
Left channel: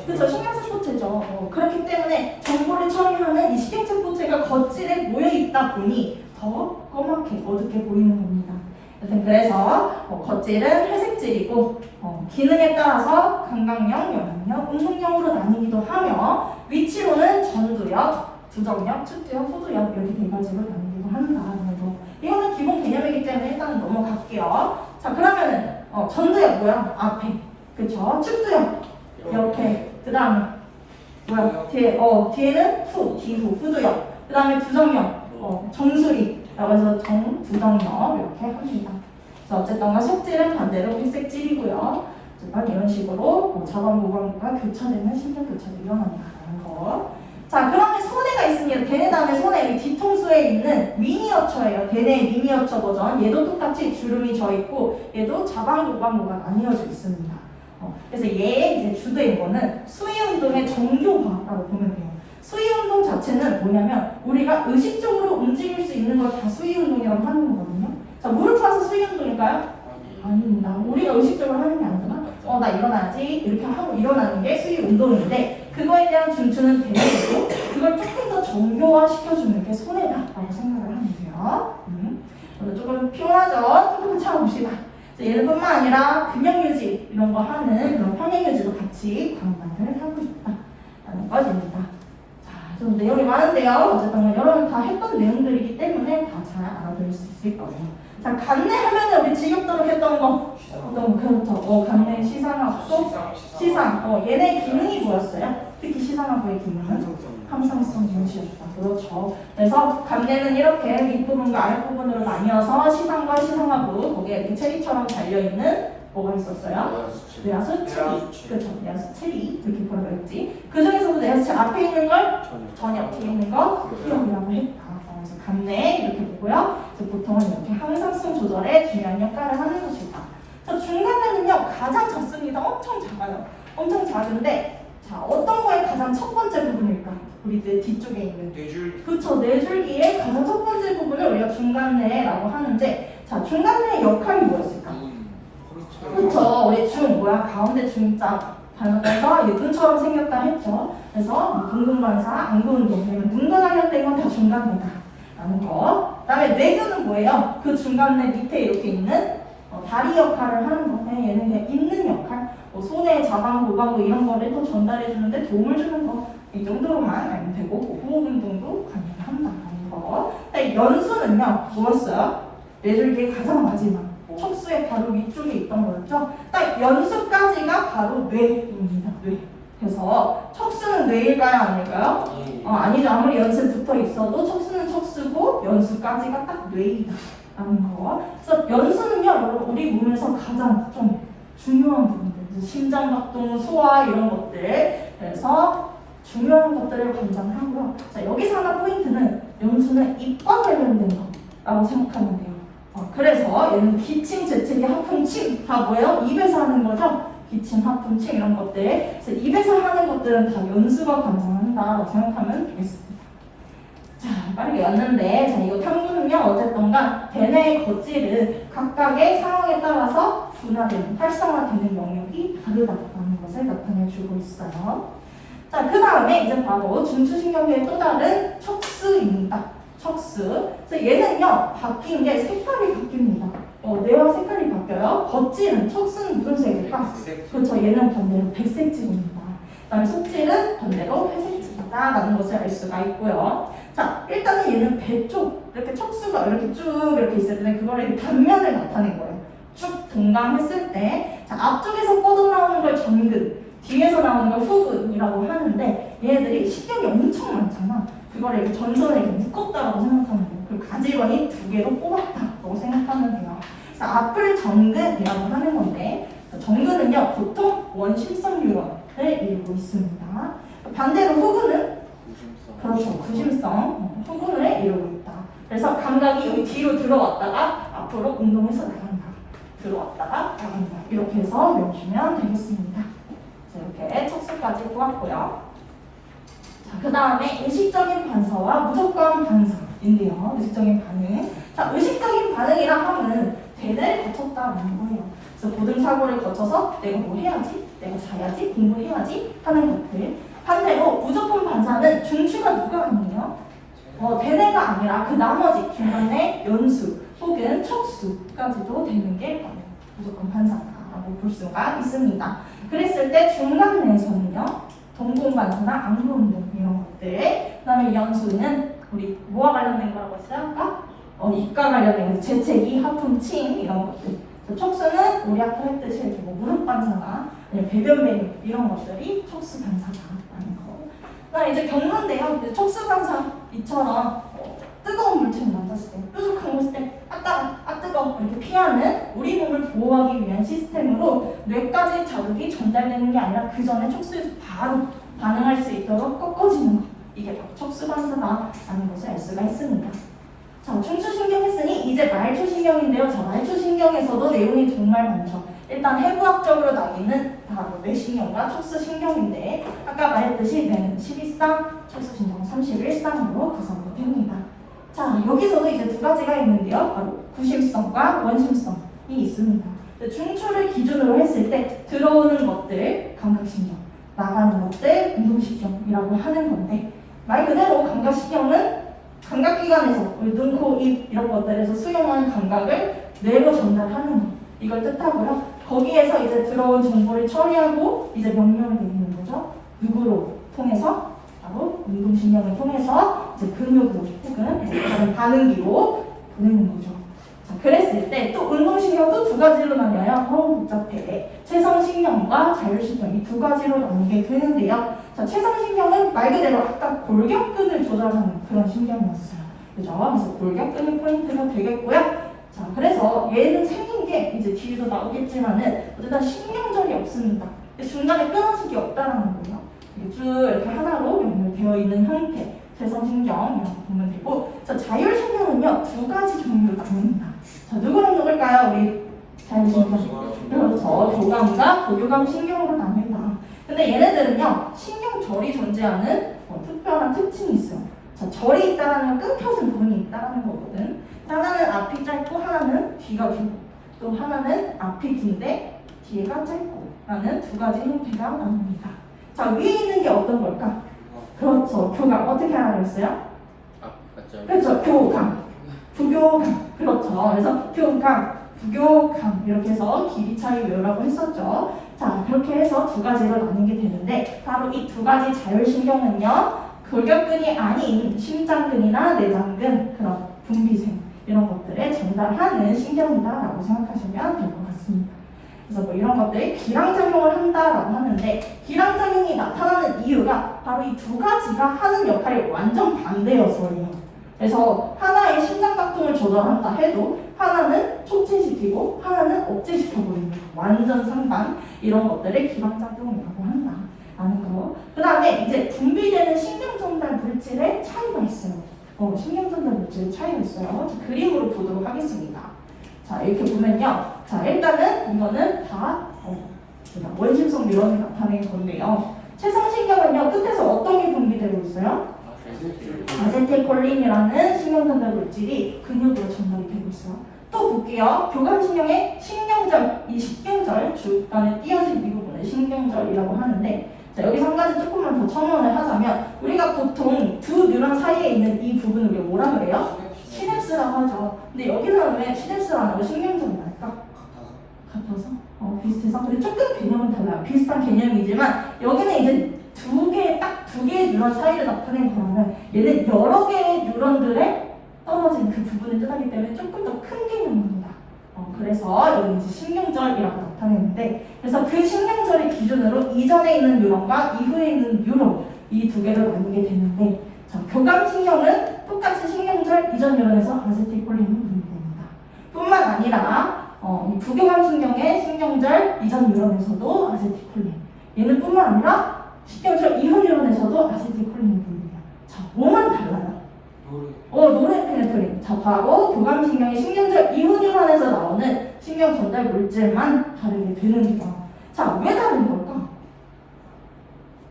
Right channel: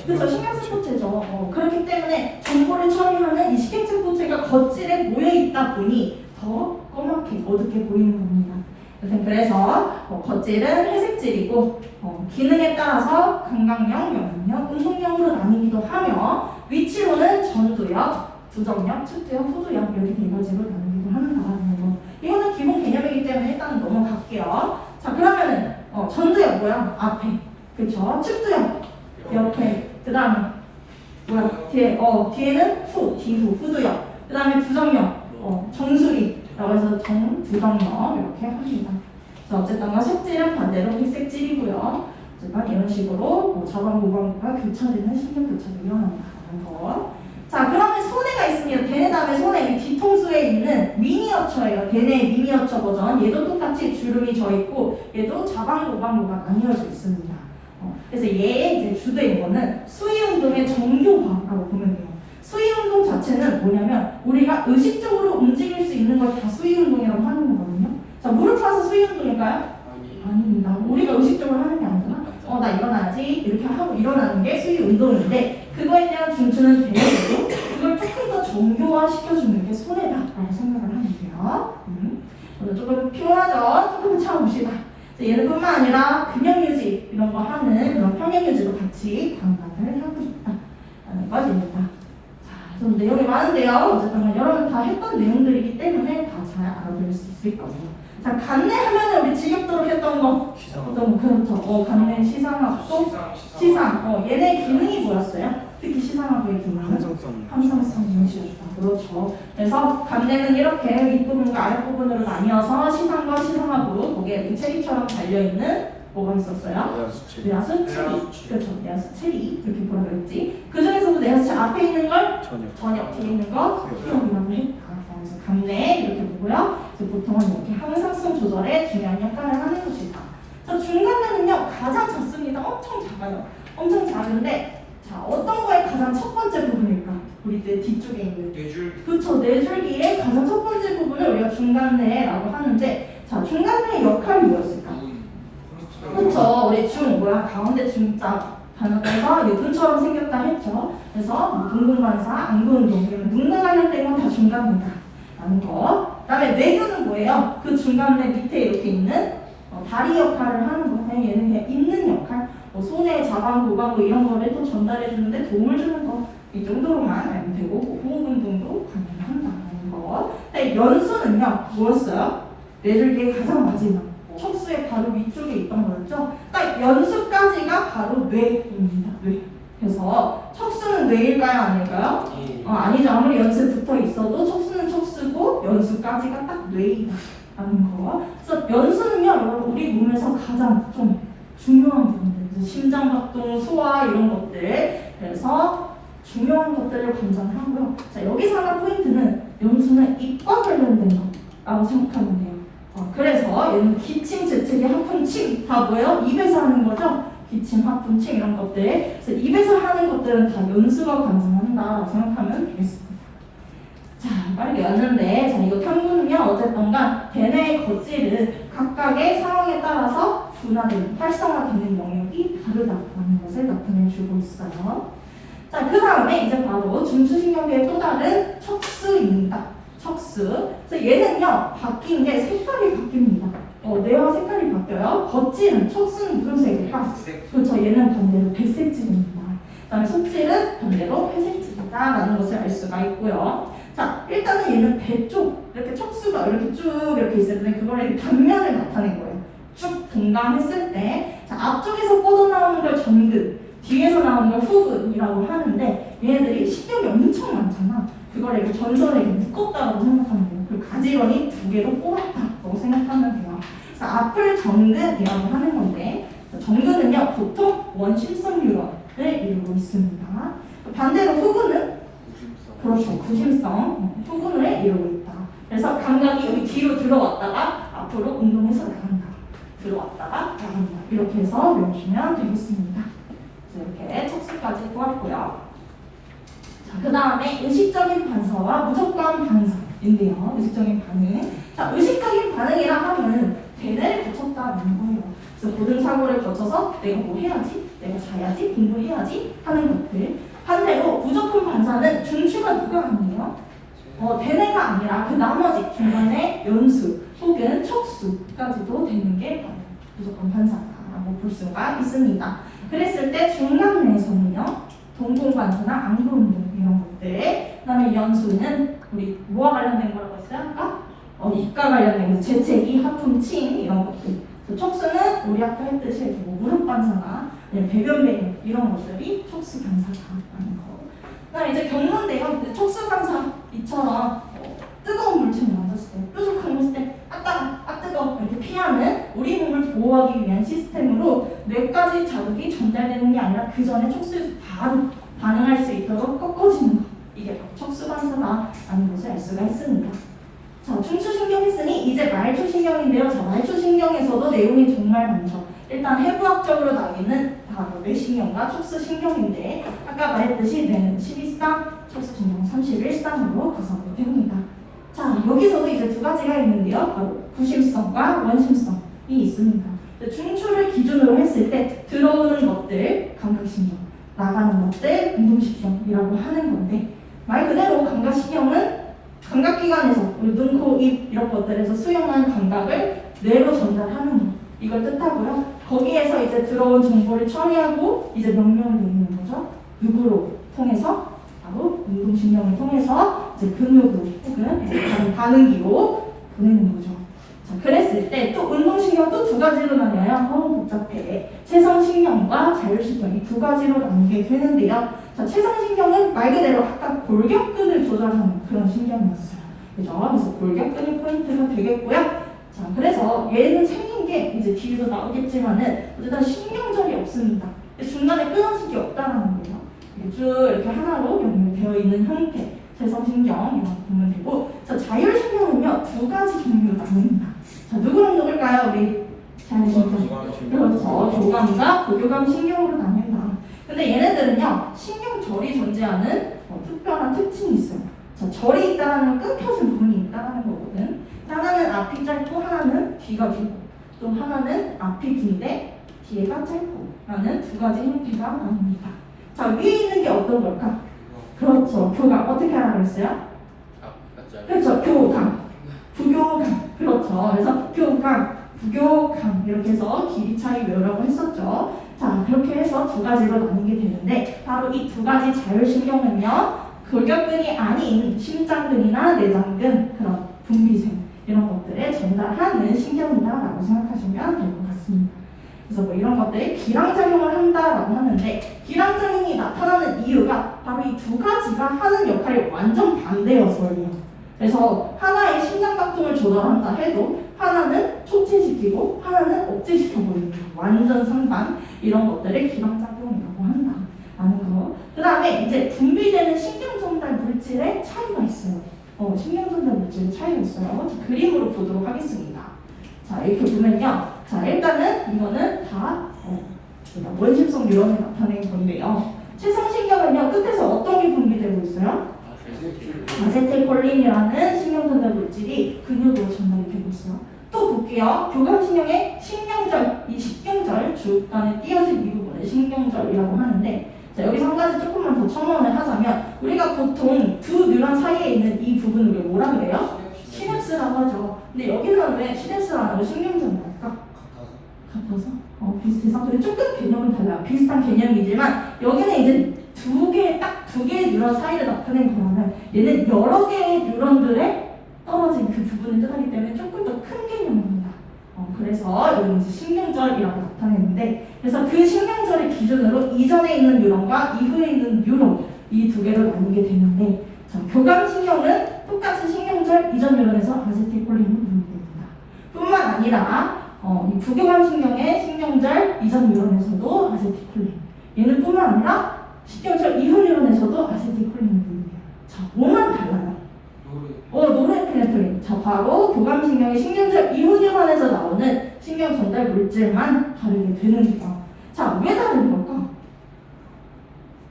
그렇죠, 신경세포체죠. 그렇기 때문에 정보를 처리하는 이 신경세포체가 겉질에 모여있다 보니 더 검게 어둡게 보이는 겁니다. 여튼 그래서 겉질은 회색질이고 기능에 따라서 감각형, 영양형, 운동형으로 나뉘기도 하며 위치로는 전두엽, 두정엽, 측두엽, 후두엽 이렇게 네 가지로 나뉘기도 한다는 거. 이거는 기본 개념이기 때문에 일단 넘어갈게요. 자, 그러면은 전두엽 뭐야? 앞에. 그쵸? 측두엽 이렇게. 그 다음에 뭐야? 뒤에는 후두엽. 그 다음에 두정엽, 정수리라고 해서 두정엽 이렇게 합니다. 그래서 어쨌든 속질은 반대로 회색질이고요. 어쨌든 이런 식으로 자반고관과 교차되는 신경 교차가 일어난다는 거. 자, 그러면 소뇌가 있습니다. 대뇌 다음에 소뇌, 뒤통수에 있는 미니어처예요. 대뇌의 미니어처 버전. 얘도 똑같이 주름이 져 있고 얘도 자반고관고가 나뉘어져 있습니다. 그래서 얘의 이제 주도인 거는 수위운동의 정교화라고 보면 돼요. 수위운동 자체는 뭐냐면 우리가 의식적으로 움직일 수 있는 걸 다 수위운동이라고 하는 거거든요. 자, 무릎 펴서 수위운동일까요? 아닙니다. 우리가 의식적으로 하는 게 아니잖아. 나 일어나야지 이렇게 하고 일어나는 게 수위운동인데 그거에 대한 중추는 대뇌고 그걸 조금 더 정교화 시켜주는 게 손해다라고 생각을 하면 돼요. 조금 피곤하죠? 조금 참아봅시다. 얘는뿐만 아니라 근력유지 이런 거 하는 그런 평행유지도 같이 강화를 하고 있다라는 것입니다. 자, 좀 내용이 많은데요. 어쨌든 여러분 다 했던 내용들이기 때문에 다 잘 알아들을 수 있을 거예요. 자, 간내 하면은 우리 지겹도록 했던 거 어떤 그렇죠. 간내 시상학도 시상. 얘네 기능이 뭐였어요? 특히 시상학의 기능은 함상성 인식이었다. 그렇죠. 그래서 간내는 이렇게 윗부분과 아랫부분으로 나뉘어서 시상과 시상하고 거기에 이렇게 체리처럼 달려있는 뭐가 있었어요? 뇌하수 체리. 그렇죠. 뇌하수 체리 이렇게 보여있지. 그 중에서도 뇌하수 앞에 있는 걸 전역 뒤에 있는 거 피용이라고 했다. 그래서 간내 이렇게 보고요. 보통은 이렇게 항상성 조절에 중요한 역할을 하는 것이다. 자, 중간뇌는요 가장 작습니다. 엄청 작아요. 엄청 작은데 자, 어떤 거의 가장 첫 번째 부분일까? 우리 뇌 뒤쪽에 있는 뇌줄기. 그렇죠. 뇌줄기의 가장 첫 번째 부분을 우리가 중간뇌라고 하는데 자, 중간뇌의 역할이 뭐였을까? 그렇죠. 우리 가운데 중자 단어에서 눈처럼 생겼다 했죠. 그래서 눈근관사, 안구운동, 눈과 관련된 건 다 중간뇌다 라는 거. 그 다음에 뇌근은 뭐예요? 그 중간뇌 밑에 이렇게 있는 다리 역할을 하는 거. 얘는 그냥 있는 역할. 손에 자방, 고방고 이런 거를 또 전달해 주는데 도움을 주는 거. 이 정도로만 알면 되고 호흡 운동도 가능한다는 거. 연수는요 뭐였어요? 뇌줄기의 가장 마지막 척수의 바로 위쪽에 있던 거였죠. 딱 연수까지가 바로 뇌입니다. 뇌. 그래서 척수는 뇌일까요? 아닐까요? 아니죠. 아무리 연수에 붙어 있어도 척수는 척수고 연수까지가 딱 뇌이다라는 거. 그래서 연수는요, 여러분 우리 몸에서 가장 좀 중요한 부분들, 심장박동, 소화 이런 것들. 그래서 중요한 것들을 관장하고요. 자, 여기서 하나 포인트는 연수는 입과 관련된 거라고 생각하면 돼요. 그래서 얘는 기침, 재채기, 하품, 침 다 뭐예요? 입에서 하는 거죠? 기침, 하품, 침 이런 것들. 그래서 입에서 하는 것들은 다 연수가 관장한다라고 생각하면 되겠습니다. 자, 빨리 외웠는데, 자, 이거 평균은요, 어쨌든가 대뇌의 겉질은 각각의 상황에 따라서 분화되는, 활성화되는 영역이 다르다는 것을 나타내주고 있어요. 자, 그 다음에 이제 바로 중추신경계의 또 다른 척수입니다. 척수. 그래서 얘는요, 바뀐 게 색깔이 바뀝니다. 뇌와 색깔이 바뀌어요. 겉질은, 척수는 무슨 색일까? 그렇죠. 얘는 반대로 백색질입니다. 그다음에 속질은 반대로 회색질이다라는 것을 알 수가 있고요. 자, 일단은 얘는 배 쪽, 이렇게 척수가 이렇게 쭉 이렇게 있을 때 그걸 이렇게 단면을 나타낸 거예요. 쭉 동감했을 때, 자, 앞쪽에서 뻗어나오는 걸 전근, 뒤에서 나오는 걸 후근이라고 하는데 얘네들이 신경이 엄청 많잖아. 그걸 이렇게 전선에 이렇게 묶었다고 생각하면 돼요. 그리고 가지런히 두 개로 꼬았다고 생각하면 돼요. 그래서 앞을 정근이라고 하는 건데 정근은요 보통 원심성 뉴런을 이루고 있습니다. 반대로 후근은 그렇죠 구심성 후근을 이루고 있다. 그래서 감각이 여기 뒤로 들어왔다가 앞으로 운동해서 나간다. 들어왔다가 나간다. 이렇게 해서 외우시면 되겠습니다. 이렇게 척수까지 꼬았고요. 그 다음에 의식적인 반사와 무조건 반사인데요. 의식적인 반응. 자, 의식적인 반응이라 하면 대뇌를 거쳤다는 거예요. 그래서 모든 사고를 거쳐서 내가 뭐 해야지, 내가 자야지, 공부해야지 하는 것들. 반대로 무조건 반사는 중추가 누가 아니에요? 대뇌가 아니라 그 나머지 중간에 연수 혹은 척수까지도 되는 게 바로 무조건 반사다라고 볼 수가 있습니다. 그랬을 때 중간뇌에서는요. 동공반사나 안구운동 이런 것들. 그다음에 연수는 우리 뭐와 관련된 거라고 했어요? 아까? 입과 관련된 거, 재채기, 하품, 침 이런 것들. 척수는 우리 아까 했듯이 이렇게 뭐 무릎 반사나 배변 배변 이런 것들이 척수 반사라는 거. 그다음에 이제 경건데요. 척수 반사 이처럼 뜨거운 물질을 만졌을 때, 뾰족한 것을 때, 뜨거워 이렇게 피하는 우리 몸을 보호하기 위한 시스템으로 뇌까지 자극이 전달되는 게 아니라 그 전에 척수에서 바로 반응할 수 있도록 꺾어지는 것. 이게 바로 척수 반사라는 것을 알 수가 있습니다. 자, 중추신경 했으니 이제 말초신경인데요. 자, 말초신경에서도 내용이 정말 많죠. 일단 해부학적으로 나뉘는 바로 뇌신경과 척수신경인데 아까 말했듯이 뇌는 12쌍, 척수신경은 31쌍으로 구성이 됩니다. 자, 여기서도 이제 두 가지가 있는데요. 바로 구심성과 원심성이 있습니다. 중추를 기준으로 했을 때 들어오는 것들 감각신경, 나가는 것들 운동신경이라고 하는 건데 말 그대로 감각신경은 감각기관에서 눈, 코, 입 이런 것들에서 수용한 감각을 뇌로 전달하는 것 이걸 뜻하고요. 거기에서 이제 들어온 정보를 처리하고 이제 명령을 내리는 거죠. 누구로 통해서? 바로 운동신경을 통해서 이제 근육으로 혹은 다른 반응기로 보내는 거죠. 자, 그랬을 때 또 운동신경도 두 가지로 나뉘어요. 복잡해. 체성신경과 자율신경 이 두 가지로 나뉘게 되는데요. 자, 체성신경은 말 그대로 아까 골격근을 조절하는 그런 신경이었어요. 그죠? 그래서 골격근이 포인트가 되겠고요. 자, 그래서 얘는 생긴 게 이제 뒤에도 나오겠지만은 어쨌든 신경절이 없습니다. 중간에 끊어진 게 없다는 거예요. 쭉 이렇게 하나로 연결되어 있는 형태, 체성신경이라고 보면 되고, 자, 자율신경은요 두 가지 종류로 나뉩니다. 자, 누구랑 누굴까요? 우리 자율신경. 그렇죠. 조감과 고교감 신경으로 나뉩니다. 근데 얘네들은요 신경절이 존재하는 특별한 특징이 있어요. 자, 절이 있다는 건 끊겨진 부분이 있다는 거거든. 하나는 앞이 짧고 하나는 뒤가 길고, 또 하나는 앞이 긴데 뒤가 짧고 라는 두 가지 형태가 나옵니다. 자, 위에 있는 게 어떤 걸까? 그렇죠. 교감. 어떻게 하라고 했어요? 그렇죠. 교감. 부교감. 그렇죠. 그래서 교감, 부교감 이렇게 해서 길이 차이 외우라고 했었죠. 자, 그렇게 해서 두 가지로 나뉘게 되는데 바로 이 두 가지 자율신경은요 골격근이 아닌 심장근이나 내장근 그런 분비생 이런 것들을 전달하는 신경이다라고 생각하시면 될 것 같습니다. 그래서 뭐 이런 것들이 기량작용을 한다라고 하는데 기량작용이 나타나는 이유가 바로 이 두 가지가 하는 역할이 완전 반대여서예요. 그래서 하나의 심장박동을 조절한다 해도 하나는 촉진시키고 하나는 억제시켜버립니다. 완전 상반 이런 것들을 기량작용이라고 한다라는 거. 그 다음에 이제 분비되는 신경전달 물질의 차이가 있어요. 신경전달 물질의 차이가 있어요. 그림으로 보도록 하겠습니다. 자 이렇게 보면요. 자 일단은 이거는 다 원심성 뉴런이 나타낸 건데요. 최상신경은요 끝에서 어떤 게 분비되고 있어요? 아세틸콜린이라는 신경전달 물질이 근육으로 전달이 되고 있어요. 또 볼게요. 교감신경의 신경절, 이 신경절 주간에 띄어진 이 부분을 신경절이라고 하는데 자 여기서 한 가지 조금만 더 첨언을 하자면 우리가 보통 두 뉴런 사이에 있는 이 부분을 우리가 뭐라 그래요? 시냅스라고 하죠. 근데 여기는 왜 시냅스라는 거 신경전달일까? 같아서? 비슷해서? 근데 조금 개념은 달라요. 비슷한 개념이지만 여기는 이제 두 개의 뉴런 사이를 나타낸 거라면 얘는 여러 개의 뉴런들의 떨어진 그 부분을 뜻하기 때문에 조금 더 큰 개념입니다. 그래서 여기 이제 신경절이라고 나타내는데 그래서 그 신경절을 기준으로 이전에 있는 뉴런과 이후에 있는 뉴런 이 두 개를 나뉘게 되는데 자, 교감신경은 똑같은 신경절 이전 뉴런에서 아세틸콜린이 분비됩니다. 뿐만 아니라 이 부교감신경의 신경절 이전 뉴런에서도 아세틸콜린 얘는 뿐만 아니라 신경절 이후 뉴런에서도 아세틸콜린이 분비돼요. 자, 뭐만 달라요? 노르에피네프린. 자, 바로 교감신경의 신경절 이후 뉴런에서 나오는 신경 전달 물질만 다르게 되는데요. 자, 왜 다른 걸까?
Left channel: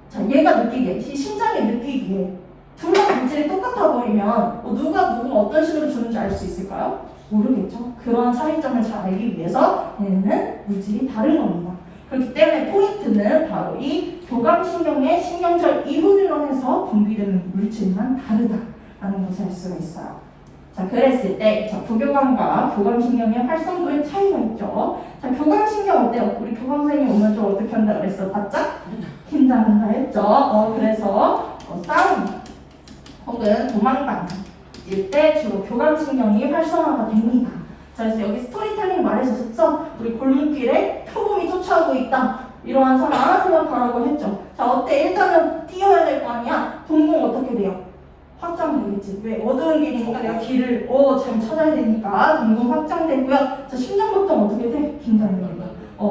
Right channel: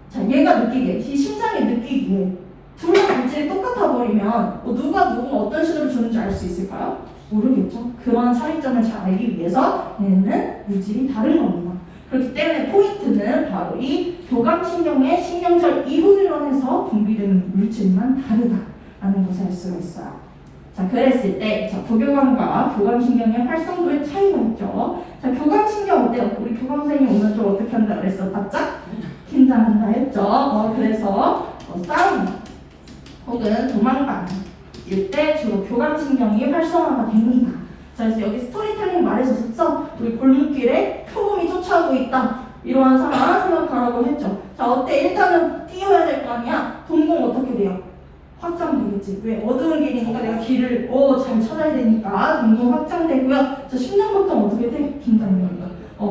자, 얘가 느끼기에, 이 심장이 느끼기에 둘 다 물질이 똑같아 버리면 누가 어떤 식으로 주는지 알 수 있을까요? 모르겠죠. 그런 차이점을 잘 알기 위해서 얘는 물질이 다른 겁니다. 그렇기 때문에 포인트는 바로 이 교감신경의 신경절 이후 뉴런에서 분비되는 물질만 다르다라는 것을 알 수가 있어요. 자, 그랬을 때 부교감과 교감신경의 활성도의 차이가 있죠. 자, 교감신경 어때요? 우리 교감 선생님이 오늘 좀 어떻게 한다 그랬어? 바짝 긴장한다 했죠. 그래서 싸움 혹은 도망다닐 때 주로 교감신경이 활성화가 됩니다. 자, 그래서 여기 스토리텔링 말해줬었죠? 우리 골목길에 표범이 쫓아오고 있다. 이러한 상황 생각하라고 했죠. 자, 어때? 일단은 뛰어야 될 거 아니야? 동공 어떻게 돼요? 확장되겠지. 왜? 어두운 길이니까 내가 길을 잘 찾아야 되니까 동공 확장되고요. 저 심장박동 어떻게 돼? 긴장되니까.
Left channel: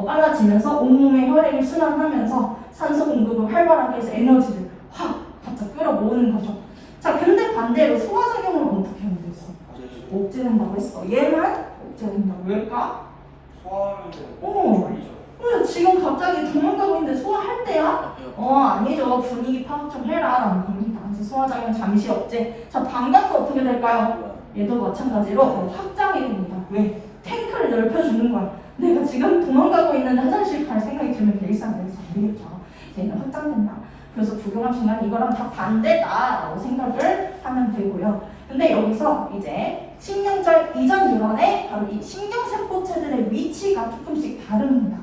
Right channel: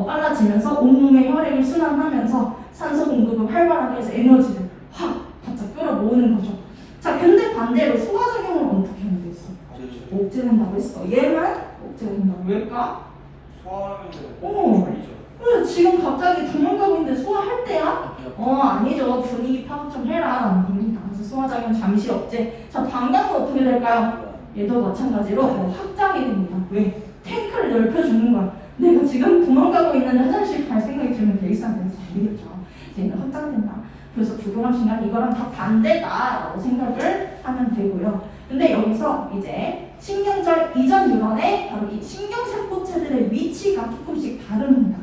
빨라지면서 온몸의 혈액이 순환하면서 산소 공급을 활발하게 해서 에너지를 확 바짝 끌어모으는 거죠. 자, 근데 반대로 소화작용은 어떻게 하는 게 있어? 억제된다고 했어. 얘만 억제된다고. 왜일까? 소화하는데 그래, 지금 갑자기 도망가고 있는데 소화할 때야? 아니죠. 분위기 파악 좀 해라 라는 겁니다. 그래서 소화작용 잠시 억제. 자, 방광은 어떻게 될까요? 얘도 마찬가지로 확장이 됩니다. 왜? 탱크를 넓혀주는 거야. 내가 지금 도망가고 있는데 화장실 갈 생각이 들면 일상에서 되겠죠. 얘는 확장된다. 그래서 부교감신경 이거랑 다 반대다라고 생각을 하면 되고요. 근데 여기서 이제 신경절 이전 뉴런의 바로 이 신경세포체들의 위치가 조금씩 다릅니다.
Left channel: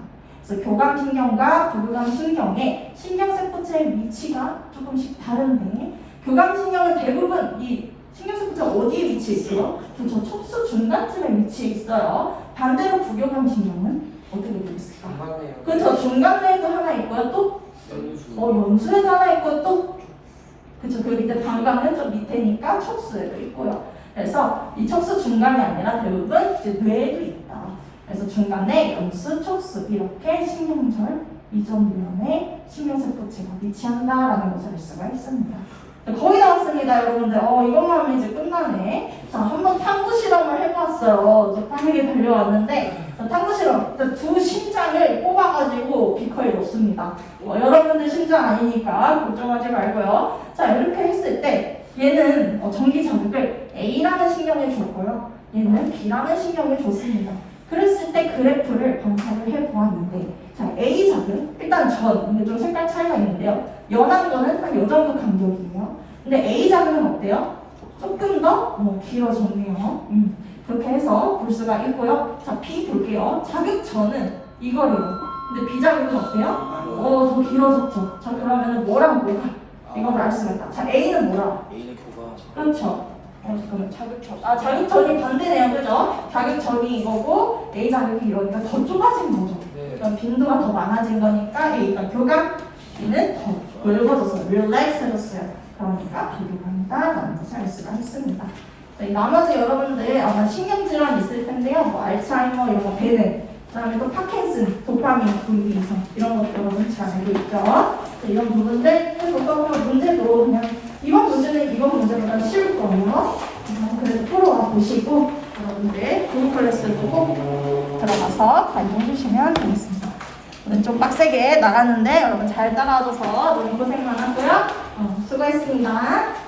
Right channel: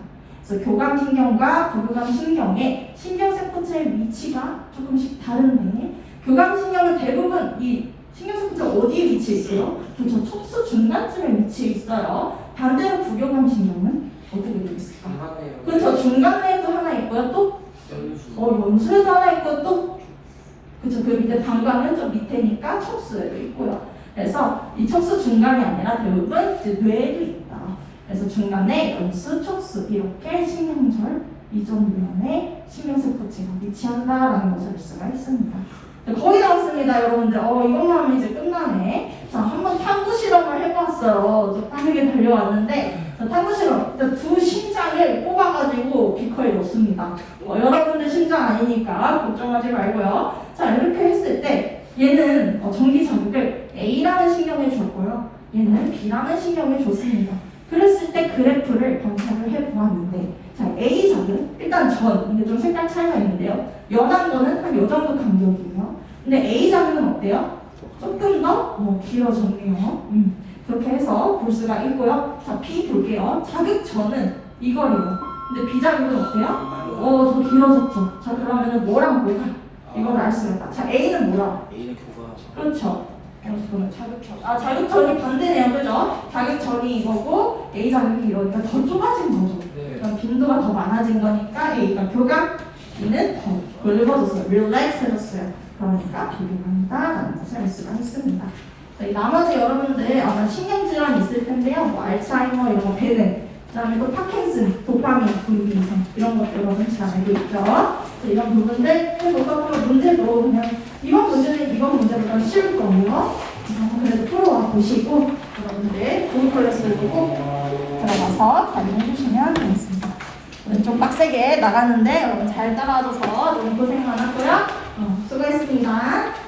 그래서 교감신경과 부교감신경의 신경세포체의 위치가 조금씩 다른데 교감신경은 대부분 이 신경세포체가 어디에 위치해 있어요? 저 척수 중간쯤에 위치해 있어요. 반대로 부교감신경은 어떻게 되어 있을까? 그렇죠. 중간에도 하나 있고요. 또 연수에도 하나 있고 또 그쵸. 그 밑에 방광은 좀 밑에니까 척수에도 있고요. 그래서 이 척수 중간이 아니라 대부분 이제 뇌에도 있다. 그래서 중간에 연수, 척수 이렇게 신경절 이전 뉴런의 신경세포체가 위치한다라는 것을 알 수가 있습니다. 거의 나왔습니다, 여러분들. 이것만 하면 이제 끝나네. 자, 한번 탐구 실험을 해봤어요. 빠르게 달려왔는데 탐구 실험 두 심장을 뽑아가지고 비커에 넣습니다. 여러분들 심장 아니니까 걱정하지 말고요. 자, 이렇게 했을 때 얘는 전기 자극을 A라는 신경에 줬고요. 얘는 B라는 신경에 줬습니다. 그랬을 때 그래프를 관찰을 해보았는데 자, A 자극 일단 이게 좀 색깔 차이가 있는데요. 연한 거는 한 요 정도 간격이에요. 근데 A 자극은 어때요? 조금 더 길어졌네요. 그렇게 해서 볼 수가 있고요. 자, B 볼게요. 자극 전은 이거래요. 근데 B 자극은 어때요? 더 길어졌죠. 자, 그러면은 뭐랑 뭐가 이걸 알 수가 있다. 자, A는 뭐라? A는 교감. 그렇죠. 잠깐만, 자극전. 아, 자극전이 반대네요, 그죠? 자극전이 이거고 A 자극이 이러니까 더 좁아진 거죠. 네. 그럼 빈도가 더 많아진 거니까 A가 교감, B는 더 넓어졌어요. 릴렉스해졌어요. 그러니까 비비한다라는 것을 알 수가 있습니다. 자, 이 나머지 여러분들 아마 신경질환 있을 텐데요. 뭐 알츠하이머 이런 거 배는, 그다음에 또 파킨슨, 도파민 분비 이상 이런 것들 여러분 잘 알고 있죠. 자, 이런 부분들 해보고 문제도 그냥 이번 문제는 이번 문제보다 쉬울 거예요. 그래도 풀어와 보시고 여러분들 구글 클래스도 꼭 들어가서 활용해 주시면 되겠습니다. 오늘 좀 빡세게 나가는데 여러분 잘 따라와줘서 너무 고생만 하고요. 수고했습니다.